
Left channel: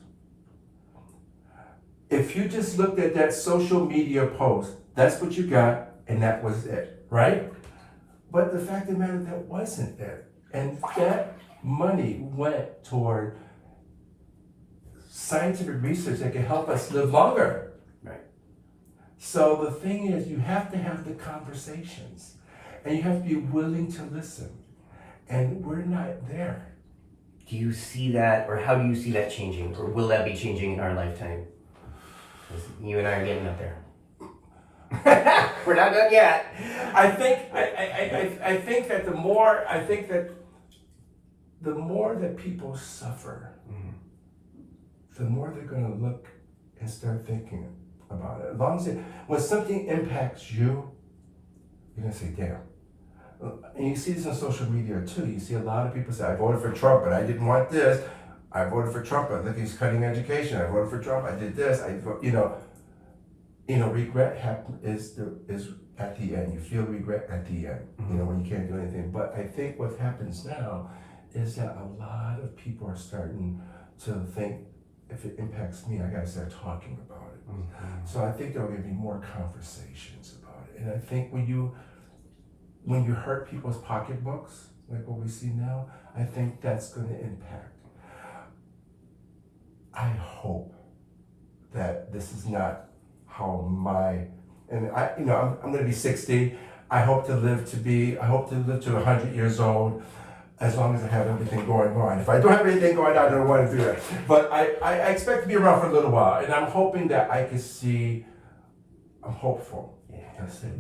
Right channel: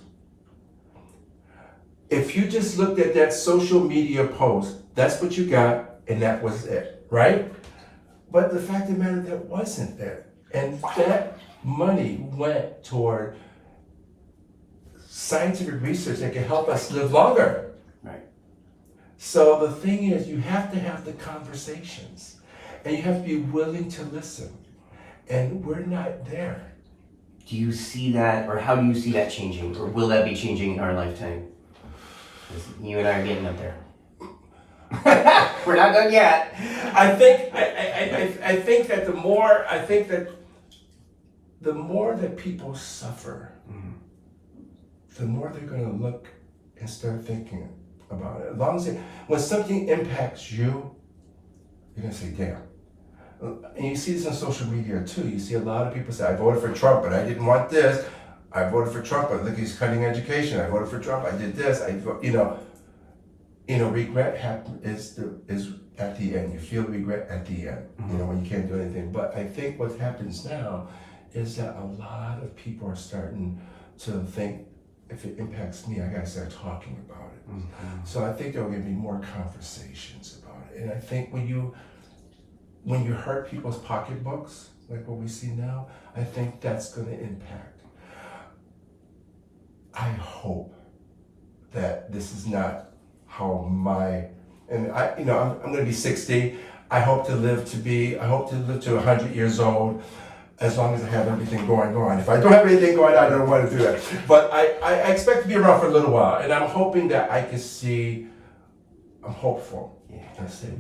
If you just looked at that social media post, that's what you got, and that was it, right? But the fact of the matter, that wasn't it. And that money went toward scientific research that can help us live longer. Right. So the thing is, you have to have the conversations, and you have to be willing to listen. And we're not there. Do you see that, or how do you see that changing, or will that be changing in our lifetime? You and I are getting up there. We're not done yet. I think that the more that people suffer, the more they're going to look and start thinking about it. As long as when something impacts you, you're going to say, damn. And you see this on social media too. You see a lot of people say, I voted for Trump, but I didn't want this. I voted for Trump, but look, he's cutting education. I voted for Trump, I did this. Regret is at the end. You feel regret at the end, when you can't do anything. But I think what happens now is that a lot of people are starting to think, if it impacts me, I gotta start talking about it. Mm-hmm. So I think there will be more conversations about it. And I think when you hurt people's pocketbooks, like what we see now, I think that's going to impact. I hope that this is not how I'm going to be 60. I hope to live to 100 years old, as long as I have everything going on. If I don't have anything going on, I don't want to do that. But I expect to be around for a little while, and I'm hoping that I can see, I'm hopeful. Yeah. Let's say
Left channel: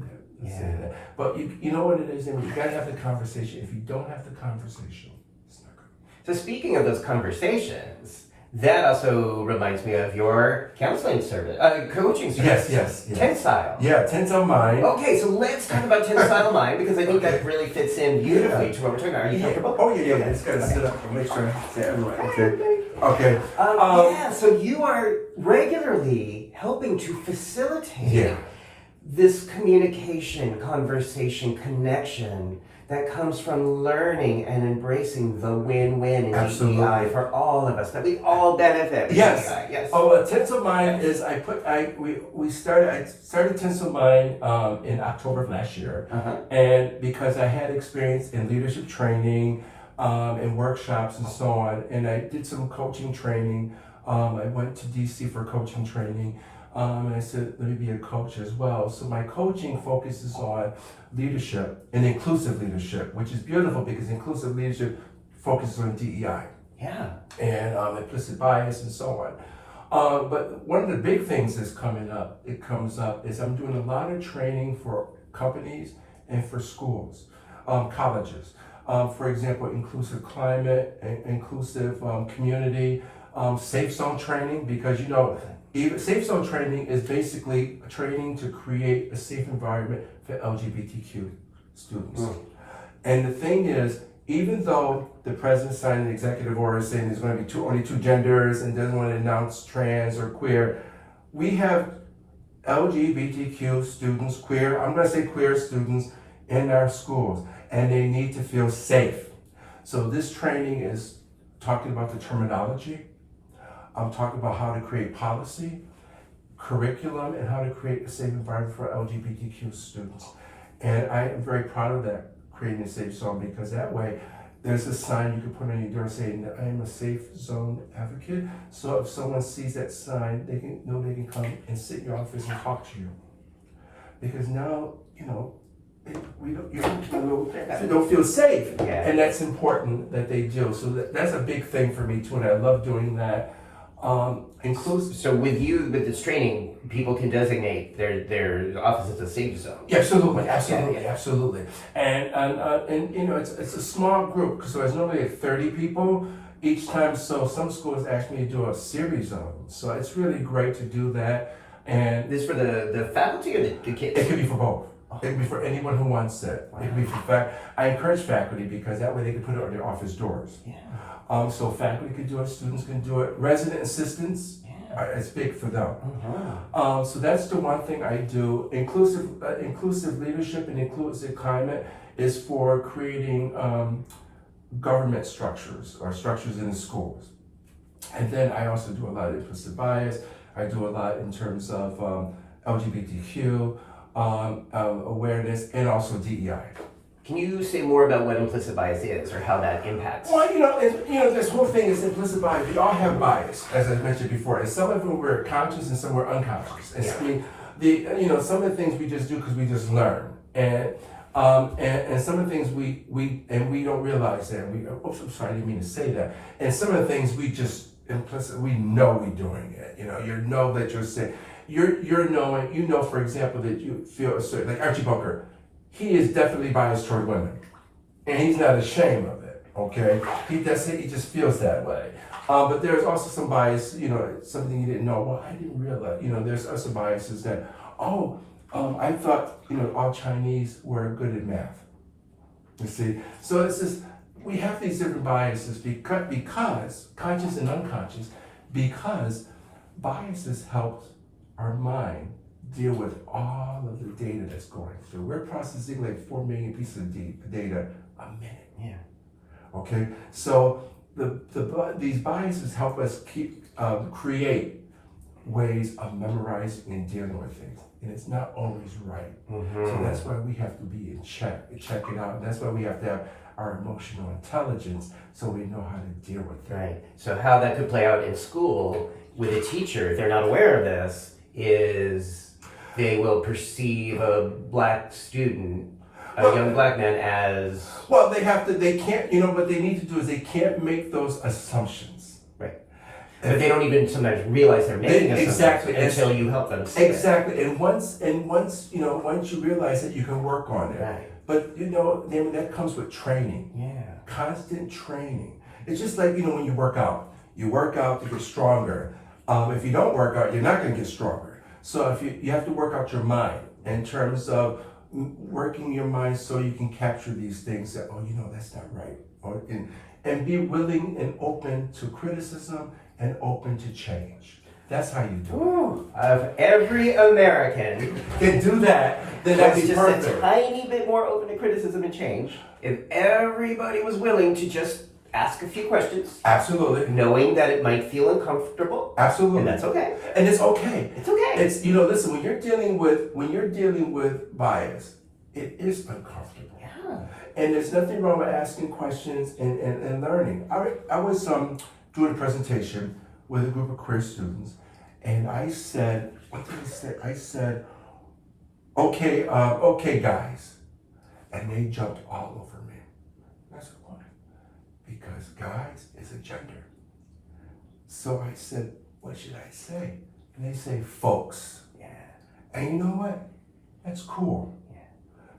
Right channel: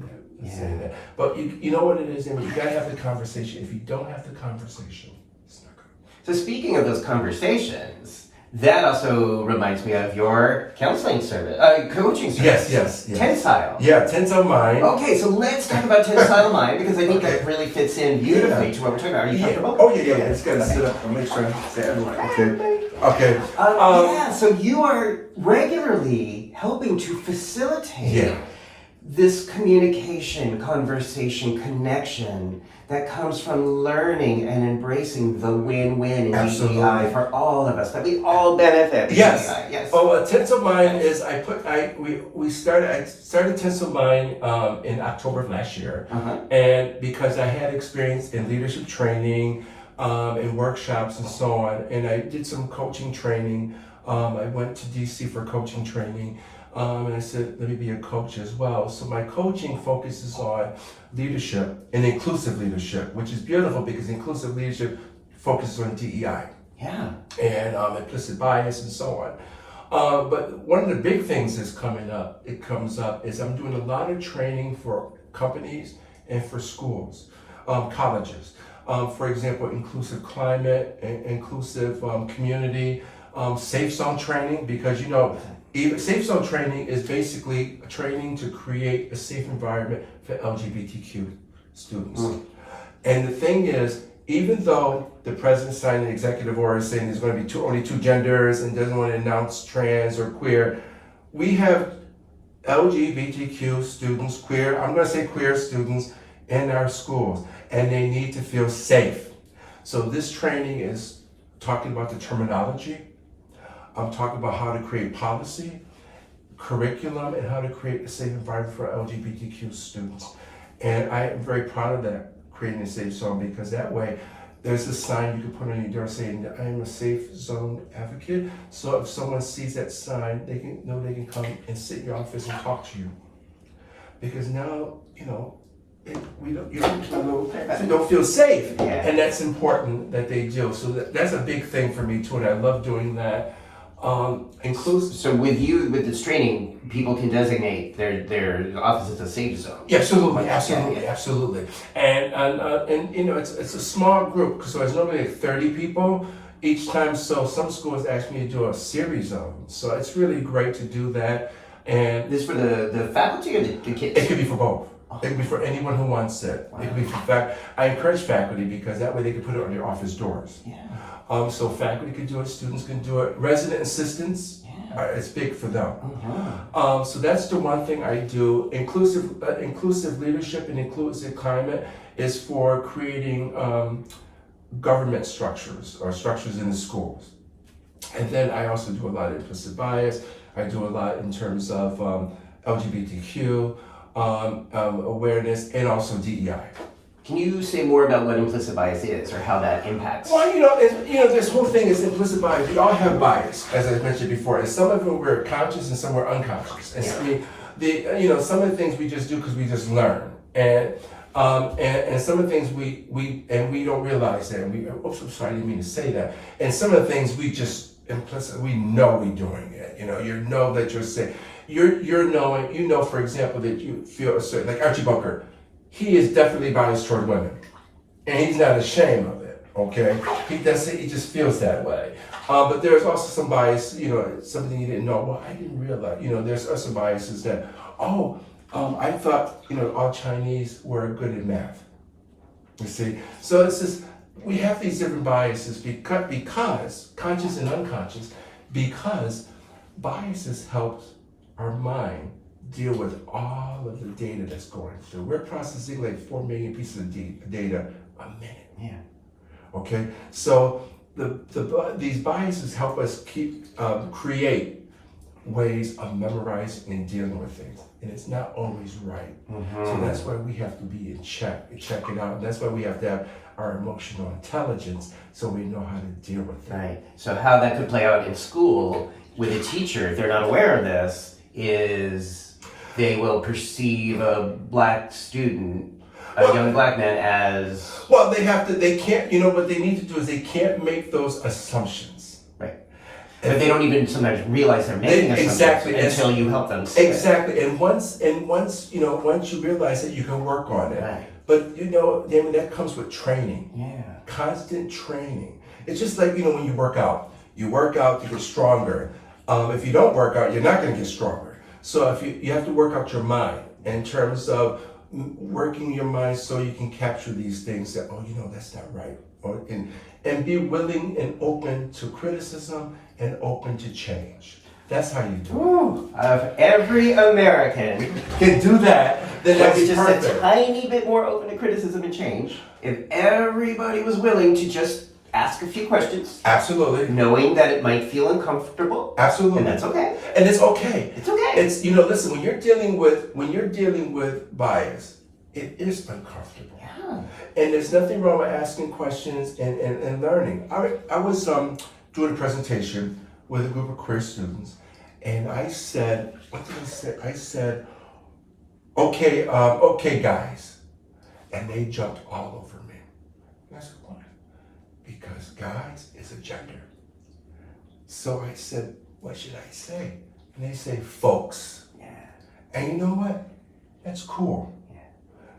that. But you know what it is, Damon? You got to have the conversation. If you don't have the conversation, it's not good. So speaking of those conversations, that also reminds me of your counseling service, coaching service. Yes. Tensile. Yeah, Tensile Mind. Okay, so let's talk about Tensile Mind, because I think that really fits in beautifully to what we're talking about. Are you comfortable? Oh, yeah. It's got to sit up and make sure I say everyone. Okay. So you are regularly helping to facilitate this communication, conversation, connection that comes from learning and embracing the win-win in Absolutely. DEI for all of us, that we all benefit from Yes. DEI. Yes. Tensile Mind is I started Tensile Mind in October of last year, and because I had experience in leadership training, and workshops and so on, and I did some coaching training. I went to DC for coaching training, and I said, let me be a coach as well. So my coaching focuses on leadership and inclusive leadership, which is beautiful because inclusive leadership focuses on DEI. Yeah. And implicit bias and so on. But one of the big things that's comes up is I'm doing a lot of training for companies and for schools, colleges. For example, inclusive climate, inclusive community, safe zone training, because even safe zone training is basically training to create a safe environment for LGBTQ students. And the thing is, even though the president signed an executive order saying there's going to be only two genders and doesn't want to announce trans or queer, we have LGBTQ students, I'm going to say queer students in our schools, and they need to feel safe. So this training is talking about the terminology. I'm talking about how to create policy, curriculum, and how to create a safe environment for LGBTQ students. And I am very proud of that, creating a safe zone, because that way there's a sign you can put on your door saying that I am a safe zone advocate. So if someone sees that sign, they can know they can come and sit in your office and talk to you. Because now, you don't feel safe. Yeah. And that's important that they do. So that's a big thing for me too, and I love doing that. Inclusive. So with this training, people can designate their office as a safe zone. Yeah, absolutely. And it's a small group, so it's normally like 30 people each time. So some schools ask me to do a series of them. So it's really great to do that. And this for the faculty or the kids? It could be for both. It could be for anyone who wants it. Wow. It could be for I encourage faculty, because that way they can put it on their office doors. Yeah. So faculty can do it, students can do it, resident assistants. It's big for them. So that's the one thing I do. Inclusive leadership and inclusive climate is for creating government structures or structures in the schools. And then I also do a lot of implicit bias. I do a lot in terms of LGBTQ awareness, and also DEI. Can you say more about what implicit bias is, or how that impacts? Well, this whole thing is implicit bias. We all have bias, as I mentioned before, and some of them we're conscious and some we're unconscious. And some of the things we just do because we just learn, and some of the things we don't realize that. I'm sorry, I didn't mean to say that. And some of the things we just we know we're doing it. You know that you're saying. You're knowing, for example, that you feel a certain, like Archie Bunker, he is definitely biased toward women, and he's not ashamed of it. Okay, he just feels that way. But there's also some bias, something you didn't know. Well, I didn't realize. There's also biases that, I thought, all Chinese were good at math. You see, so we have these different biases because conscious and unconscious, because biases help our mind deal with all of the data that's going through. We're processing like 4 million pieces of data a minute. Yeah. Okay. So these biases help us create ways of memorizing and dealing with things, and it's not always right. So that's why we have to be in check it out. And that's why we have to have our emotional intelligence, so we know how to deal with it. Right. So how that could play out in school with a teacher, if they're not aware of this, is they will perceive a black student, a young black man, as... Well, they can't, what they need to do is they can't make those assumptions. Right. But they don't even sometimes realize they're making assumptions until you help them see Exactly. And once you realize it, you can work on it. Right. But, Damon, that comes with training. Yeah. Constant training. It's just like, when you work out to get stronger. If you don't work out, you're not going to get stronger. So if you have to work out your mind in terms of working your mind so you can capture these things that, that's not right. And be willing and open to criticism and open to change. That's how you do Ooh, if every American it. Can do that, then that'd was be just perfect. a tiny bit more open to criticism and change, if everybody was willing to just ask a few questions, Absolutely. knowing that it might feel uncomfortable, Absolutely. and that's okay. And it's okay. It's okay. It's, listen, when you're dealing with bias, it is uncomfortable. Yeah. And there's nothing wrong with asking questions and learning. I was doing a presentation with a group of queer students, and I said, what did I say? I said, okay, guys. And they jumped all over me. And I said, why? Because guys is a gender. So I said, what should I say? And they say, folks. Yeah. And you know what? That's cool. Yeah.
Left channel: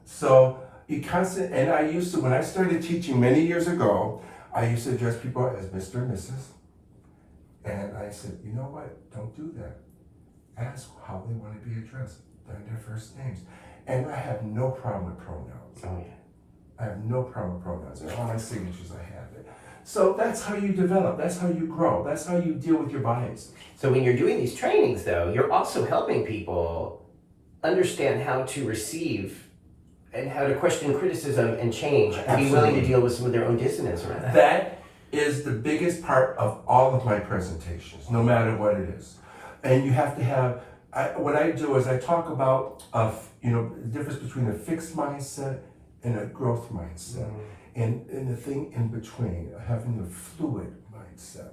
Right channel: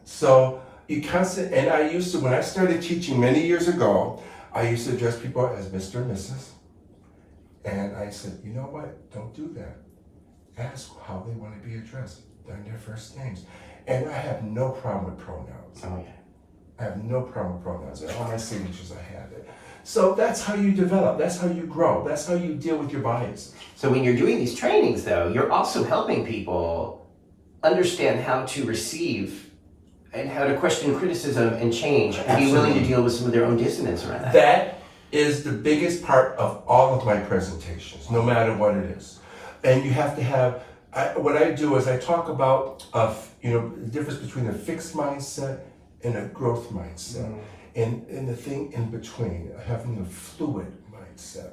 So and I used to, when I started teaching many years ago, I used to address people as Mr. and Mrs. And I said, you know what? Don't do that. Ask how they want to be addressed. They're their first names. And I have no problem with pronouns. Oh, yeah. I have no problem with pronouns. And all my signatures, I have it. So that's how you develop. That's how you grow. That's how you deal with your bias. So when you're doing these trainings, though, you're also helping people understand how to receive and how to question criticism and change and be willing to deal with some of their own dissonance around that. That is the biggest part of all of my presentations, no matter what it is. And you have to have, what I do is I talk about, the difference between a fixed mindset and a growth mindset. And the thing in between, having a fluid mindset.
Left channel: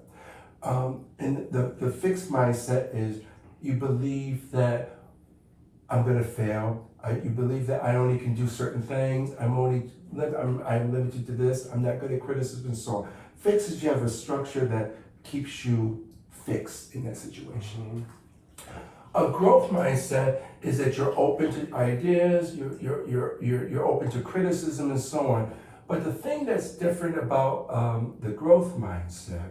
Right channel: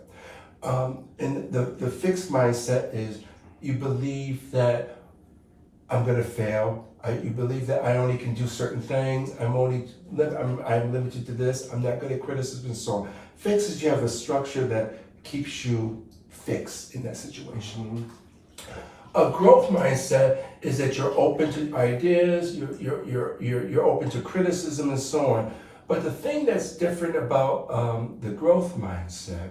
And the fixed mindset is you believe that I'm gonna fail. You believe that I only can do certain things. I'm limited to this. I'm not good at criticism and so on. Fixed is you have a structure that keeps you fixed in that situation. A growth mindset is that you're open to ideas. You're open to criticism and so on. But the thing that's different about the growth mindset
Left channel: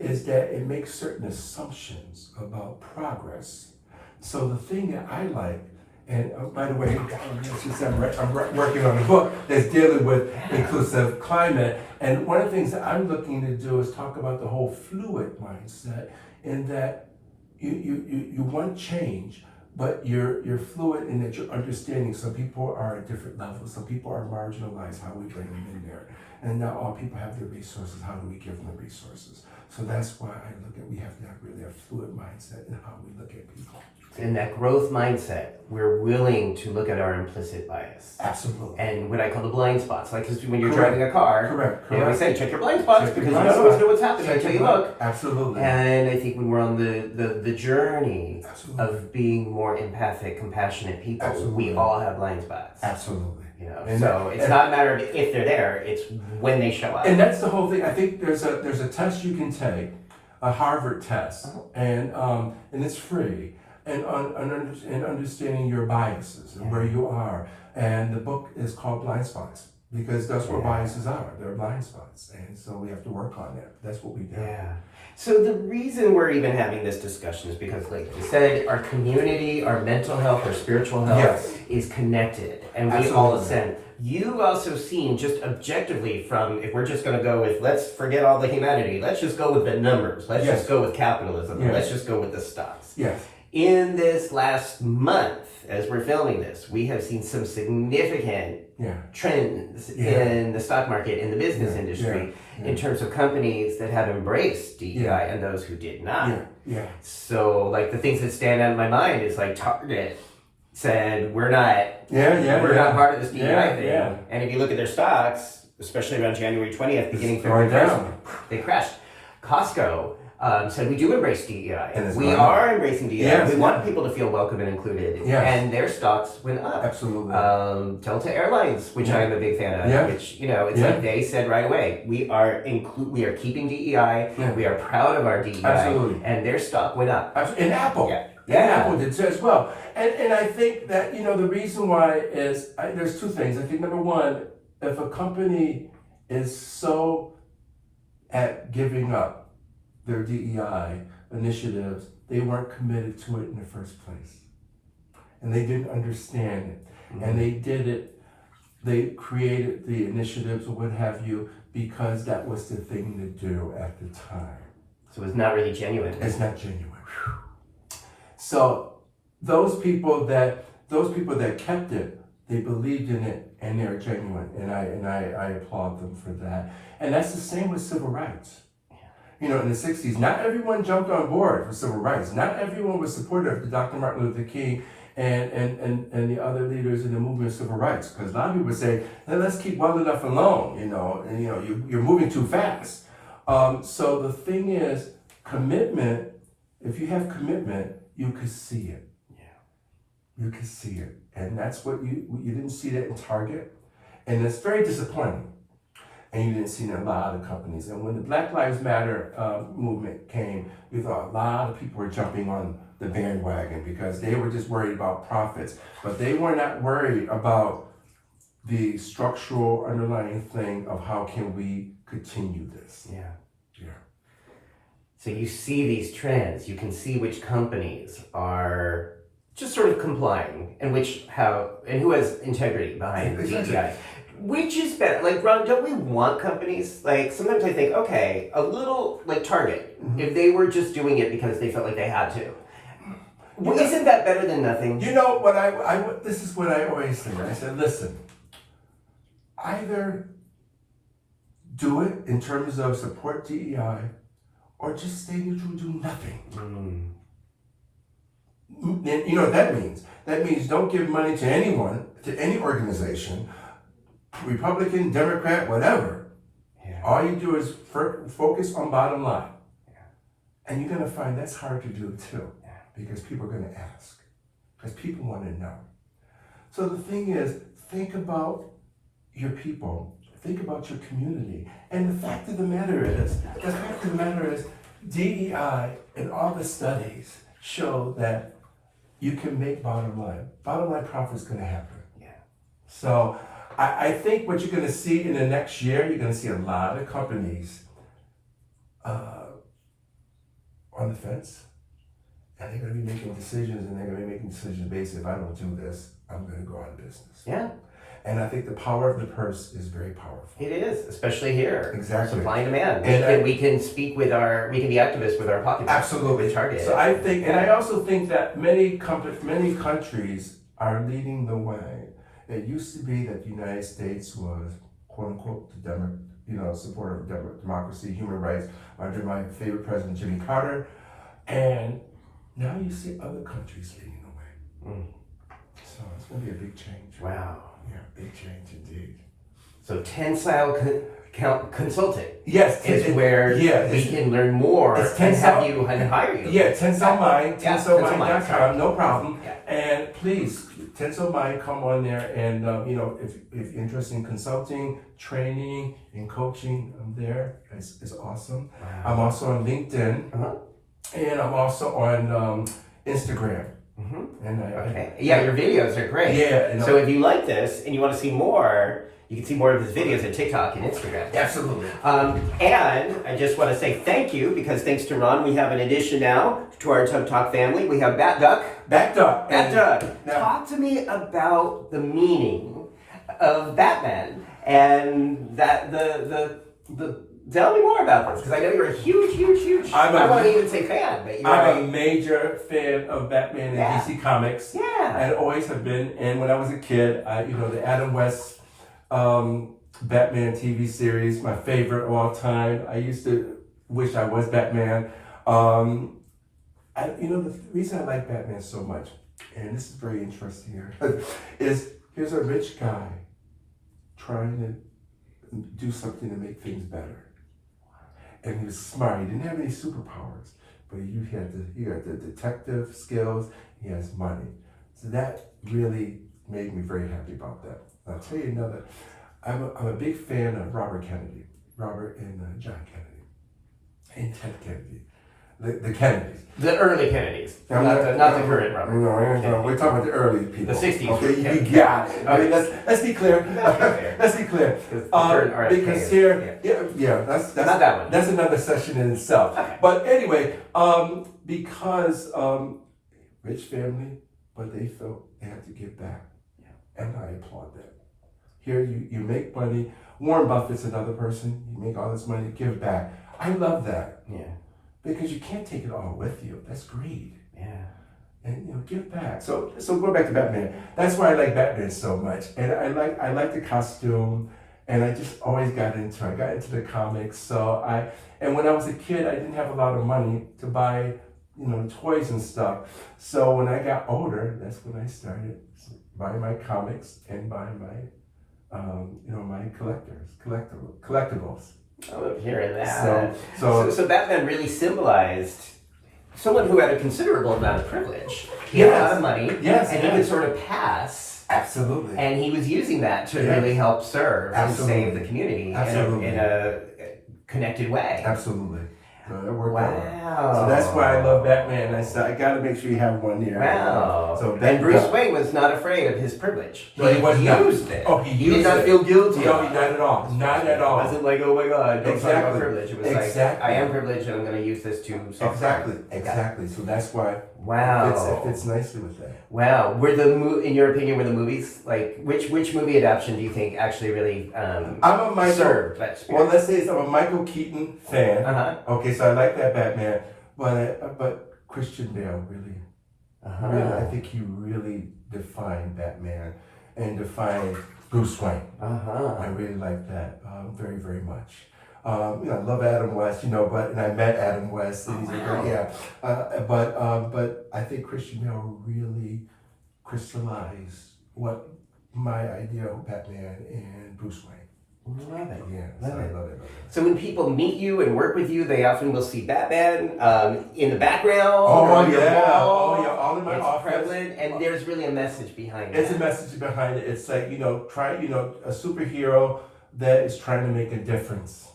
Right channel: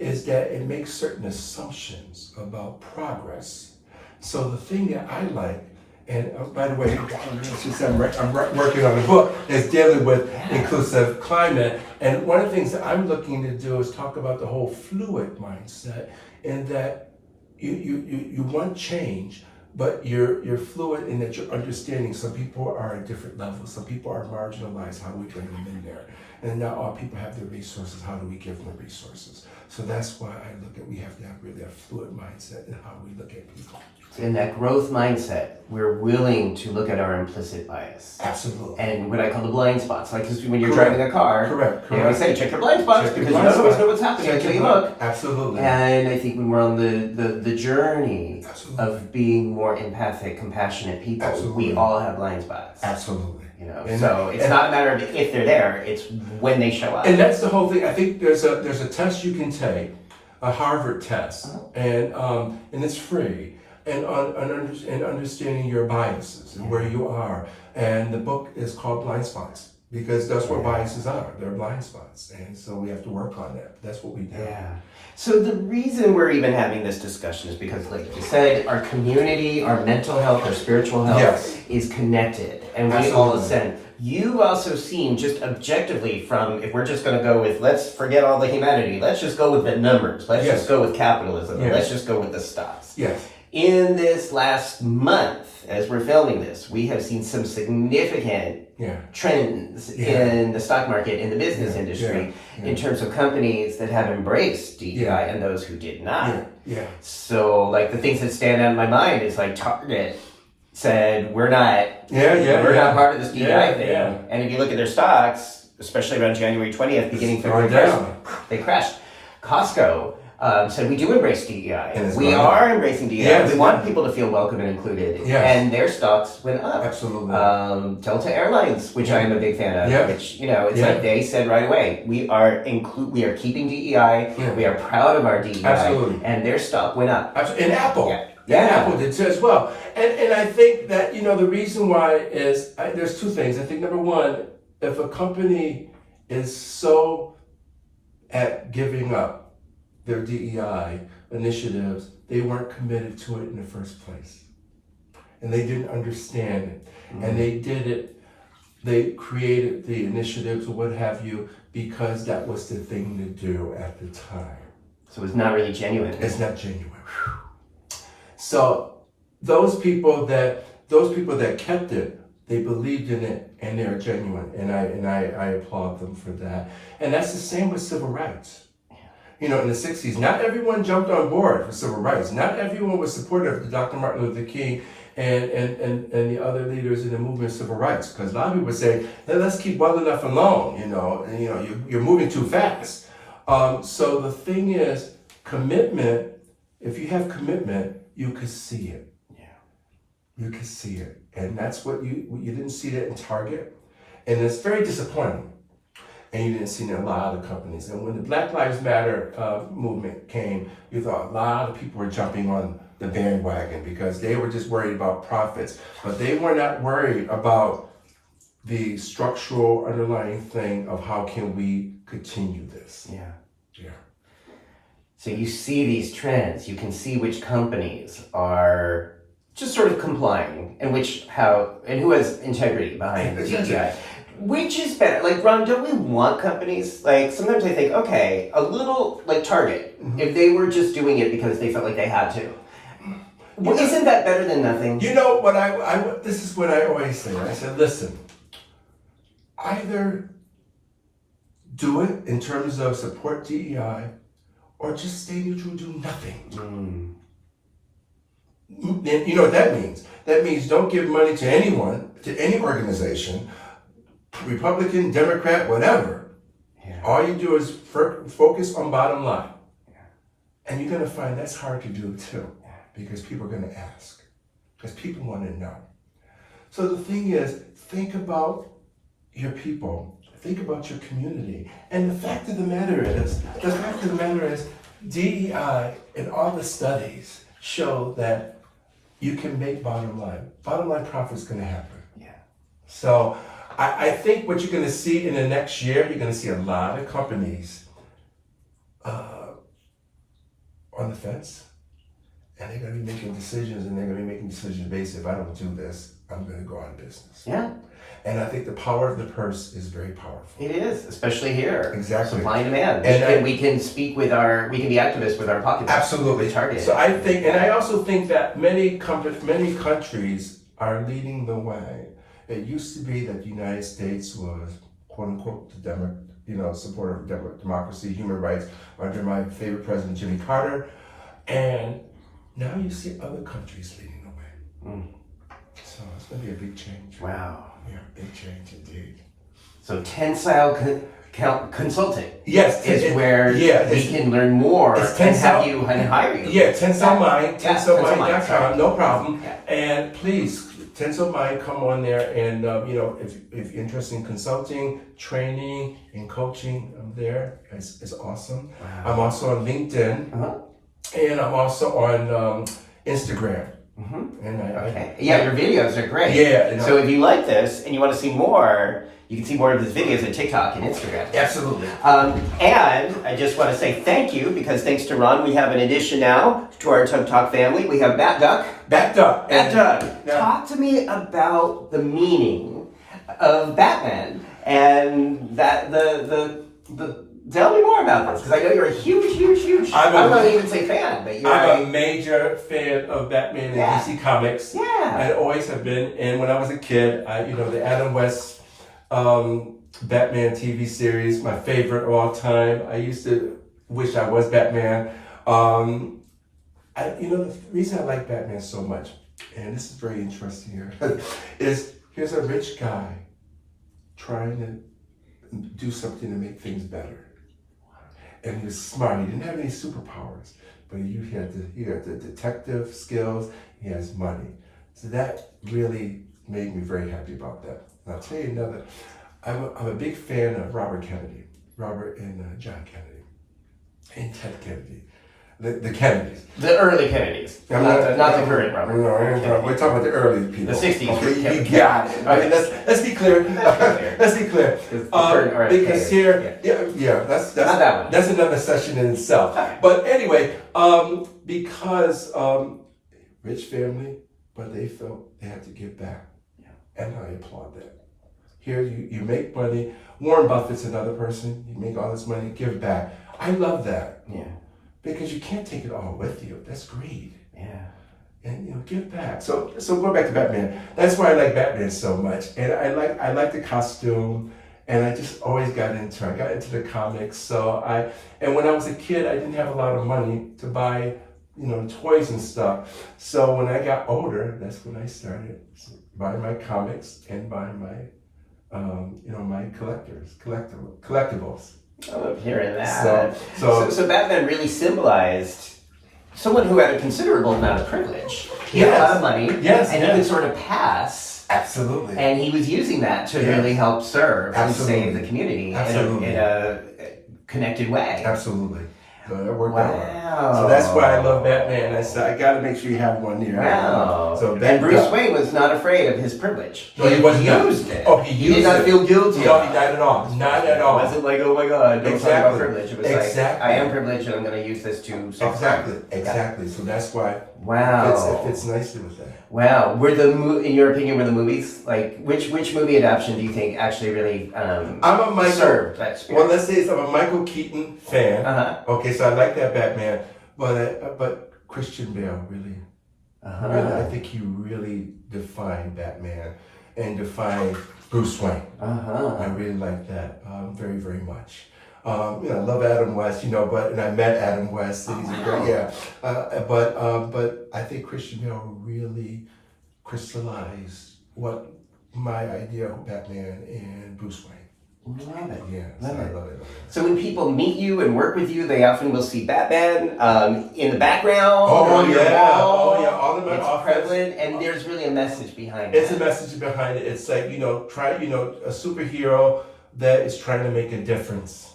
is that it makes certain assumptions about progress. So the thing that I like, and by the way, since I'm working on a book that's dealing with inclusive climate, and one of the things that I'm looking to do is talk about the whole fluid mindset, in that you want change, but you're fluid in that you're understanding some people are at different levels. Some people are marginalized. How do we bring them in there? And not all people have the resources. How do we give them the resources? So that's why I look at, we have to have really a fluid mindset in how we look at people. In that growth mindset, we're willing to look at our implicit bias. Absolutely. And what I call the blind spots. Like, because when you're driving a car, Correct. we say check your blind spots, Check your because blind you don't always spots. know what's happening until you look. Absolutely. And I think when we're on the journey Absolutely. of being more empathic, compassionate people, Absolutely. we all have blind spots. Absolutely. And so it's not a matter of if they're there, it's when they show up. And that's the whole thing. I think there's a test you can take, a Harvard test, and it's free, and understanding your biases and where you are. And the book is called Blind Spots, because that's what biases are. They're blind spots, and so we have to work on that. That's what we do. Yeah. So the reason we're even having this discussion is because, like you said, our community, our mental health, our spiritual health is connected, and we all ascend. You've also seen, just objectively, from, if we're just going to go with, let's forget all the humanity, let's just go with the numbers, let's just go with capitalism, let's just go with the stocks. Yes. In this last month, as we're filming this, we have seen some significant trends in the stock market, in the business industry, in terms of companies that have embraced DEI and those who did not. So, like, the things that stand out in my mind is, like, Target said, we're not part of this DEI thing. And if you look at their stocks, especially around January 20th, beginning February 1st, they crashed. Costco said, we do embrace DEI. And we are embracing DEI. We want people to feel welcome and included. And their stocks went up. Absolutely. Delta Airlines, which I am a big fan of, which, it's like they said right away, we are keeping DEI, we are proud of our DEI, and their stock went up. And Apple. Apple did too as well. And I think that, the reason why is, there's two things. I think number one, if a company is so at giving up their DEI initiatives, they weren't committed to it in the first place. And they didn't understand it. And they did it, they created the initiatives or what have you, because that was the thing to do at the time. So it's not really genuine. It's not genuine. So those people that kept it, they believed in it and they're genuine, and I applaud them for that. And that's the same with civil rights. You know, in the 60s, not everyone jumped on board for civil rights. Not everyone was supportive of Dr. Martin Luther King and the other leaders in the movement of civil rights. Because a lot of people would say, hey, let's keep well enough alone, and you're moving too fast. So the thing is, commitment, if you have commitment, you could see it. Yeah. You could see it. And that's what you didn't see that in Target. And it's very disappointing. And you didn't see it in a lot of companies. And when the Black Lives Matter movement came, you thought a lot of people were jumping on the bandwagon because they were just worried about profits. But they were not worried about the structural underlying thing of how can we continue this. Yeah. Yeah. So you see these trends, you can see which companies are just sort of complying and who has integrity behind the DEI. Which is better? Like, Ron, don't we want companies? Like, sometimes I think, okay, a little, like Target, if they were just doing it because they felt like they had to. Well, isn't that better than nothing? You know, this is what I always say. I said, listen, either do it in terms of support DEI or just stay neutral, do nothing. And you know what that means? That means don't give money to anyone, to any organization, Republican, Democrat, whatever. Yeah. All you do is focus on bottom line. Yeah. And you're going to find that's hard to do too, because people are going to ask, because people want to know. So the thing is, think about your people, think about your community. And the fact of the matter is, DEI and all the studies show that you can make bottom line. Bottom line profit is going to happen. Yeah. So I think what you're going to see in the next year, you're going to see a lot of companies on the fence, and they're going to be making decisions, and they're going to be making decisions based, if I don't do this, I'm going to go out of business. Yeah. And I think the power of the purse is very powerful. It is, especially here. Exactly. Supply and demand. And we can speak we can be activists with our pocketbook. Absolutely. Target. So I think, and I also think that many countries are leading the way. It used to be that the United States was, quote unquote, supporter of democracy, human rights, under my favorite president, Jimmy Carter. And now you see other countries leading the way. So it's going to be a big change. Wow. Yeah, big change indeed. So Tensile Consulting. Yes, is where we can learn more and have you hire you. Yeah, Tensile Mind, tensilemind.com, no problem. Yeah. And please, Tensile Mind, come on there, and if you're interested in consulting, training, and coaching, I'm there. It's awesome. Wow. I'm also on LinkedIn, and I'm also on Instagram. And your videos are great. Yeah. So if you like this and you want to see more, you can see more of his videos on TikTok and Instagram. Absolutely. And I just want to say thank you, because thanks to Ron, we have an addition now to our Tug Talk family. We have Bat Duck. Bat Duck. Talk to me about the meaning of Batman and that tell me more about this, because I know you're a huge, I won't even say fan, but I'm a major fan of Batman and DC Comics. Yeah. I always have been, and when I was a kid, the Adam West Batman TV series, my favorite of all time. I used to wish I was Batman. The reason I like Batman so much, and this is very interesting here, is here's a rich guy trying to do something to make things better. And he was smart. He didn't have any superpowers, but he had the detective skills. He has money. So that really made me very happy about that. And I'll tell you another. I'm a big fan of Robert and John Kennedy, and Ted Kennedy, the Kennedys. The early Kennedys, not the current Robert. No, we're talking about the early people. The 60s. Okay, you got it. I mean, let's be clear. Let's be clear. Because here, that's another session in itself. Okay. But anyway, because rich family, but they felt they had to give back, and I applaud that. Here, you make money. Warren Buffett's another person. You make all this money, give back. I love that. Yeah. Because you can't take it all with you. That's greed. Yeah. and give back. So going back to Batman, that's why I like Batman so much, and I like the costume, and I just always got into it. I got into the comics. And when I was a kid, I didn't have a lot of money to buy toys and stuff. So when I got older, that's when I started buying my comics and buying my my collectibles. I love hearing that. So Batman really symbolized someone who had a considerable amount of privilege. He had a lot of money, and he could sort of pass. Absolutely. And he was using that to really help serve and save the community Absolutely. in a connected way. Absolutely. So it worked Wow. out. So that's why I love Batman. I said, I got to make sure you have one near. Wow. So and Bruce Wayne was not afraid of his privilege. No, he wasn't. Used it. Oh, he used it. He did not feel guilty. No, not at all. Not at all. It wasn't like, oh my God, don't talk about privilege. It was like, I am privileged and I'm going to use this to solve Exactly. So that's why it fits nicely with that. Wow. In your opinion, were the movies, like, which movie adaptation do you think actually really I'm a Michael, served that spirit? Well, let's say I'm a Michael Keaton fan. Okay, so I like that Batman. But Christian Bale really, I think he really defined Batman and defined Bruce Wayne. I really like that very, very much. I love Adam West, and I met Adam West, and he's a great, but I think Christian Bale really crystallized what my idea of Batman and Bruce Wayne. Love it. Yeah, I love it. So when people meet you and work with you, they often will see Batman in the background. All in my it's office. prevalent, and there's really a message behind it. It's a message behind it. It's like, try, a superhero that is trying to make a difference.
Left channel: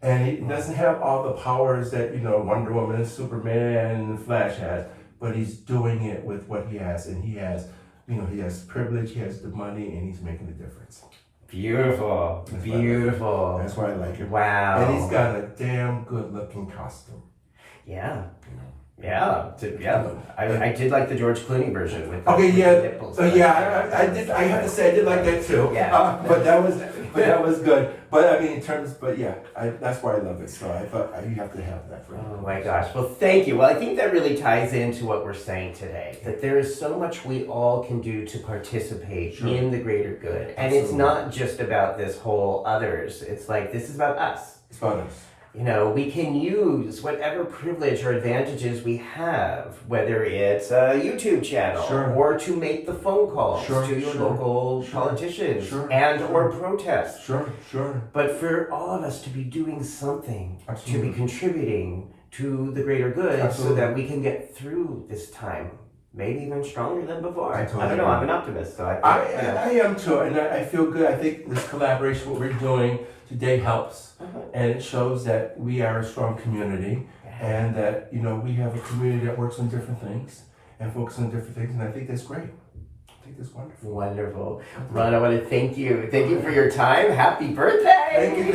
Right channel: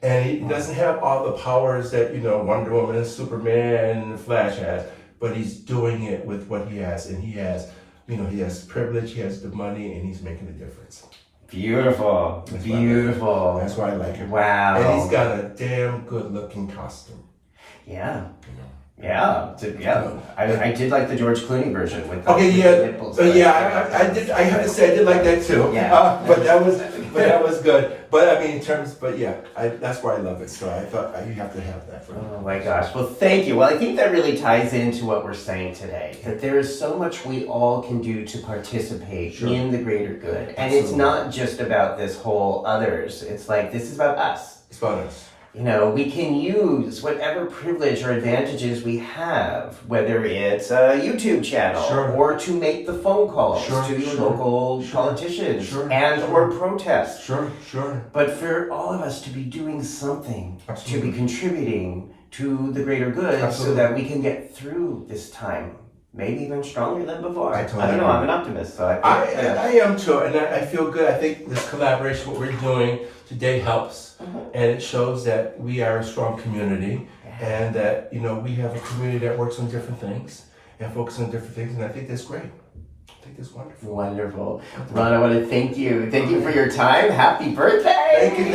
And he doesn't have all the powers that, Wonder Woman and Superman and the Flash has, but he's doing it with what he has. And he has, he has privilege, he has the money, and he's making a difference. Beautiful. That's why I like him. Wow. And he's got a damn good looking costume. Yeah. Yeah. I did like the George Clooney version with the nipples. I did. I have to say I did like that too. Yeah. But that was good. But I mean, that's why I love it. So I thought you have to have that for me. Oh my gosh. Well, thank you. Well, I think that really ties into what we're saying today. That there is so much we all can do to participate in the greater good. And it's not just about this whole others. It's like, this is about us. It's about us. We can use whatever privilege or advantages we have, whether it's a YouTube channel or to make the phone calls to local politicians or protest. Sure. But for all of us to be doing something, to be contributing to the greater good so that we can get through this time. Maybe even stronger than before. I don't know. I'm an optimist, so I am too, and I feel good. I think this collaboration, what we're doing today, helps, and it shows that we are a strong community, and that we have a community that works on different things and focuses on different things, and I think that's great. I think it's wonderful. Wonderful. Ron, I want to thank you. Thank you for your time. Happy birthday! Thank you.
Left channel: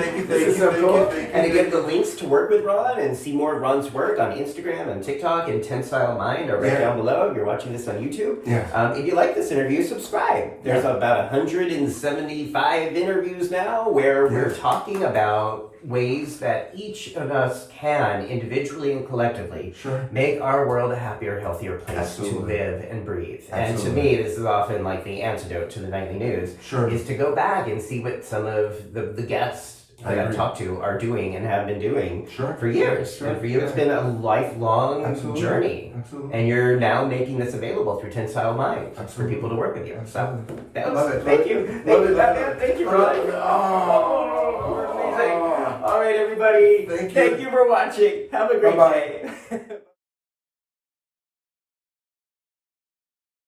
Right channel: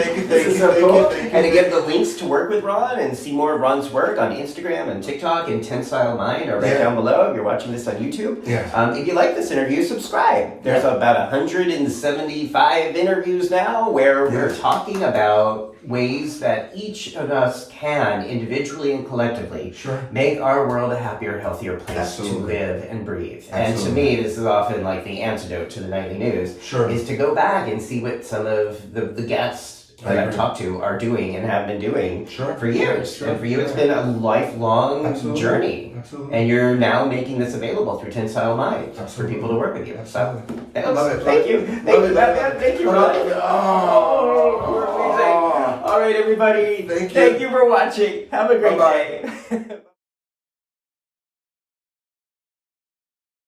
And again, the links to work with Ron and see more of Ron's work on Instagram and TikTok and Tensile Mind are right down below if you're watching this on YouTube. If you like this interview, subscribe. There's about 175 interviews now where we're talking about ways that each of us can, individually and collectively, make our world a happier, healthier place to live and breathe. And to me, this is often like the antidote to the nightly news, is to go back and see what some of the guests that I've talked to are doing and have been doing for years. And for you, it's been a lifelong journey. And you're now making this available through Tensile Mind for people to work with you. So, thank you. Thank you, Ron. All right, everybody. Thank you for watching. Have a great day.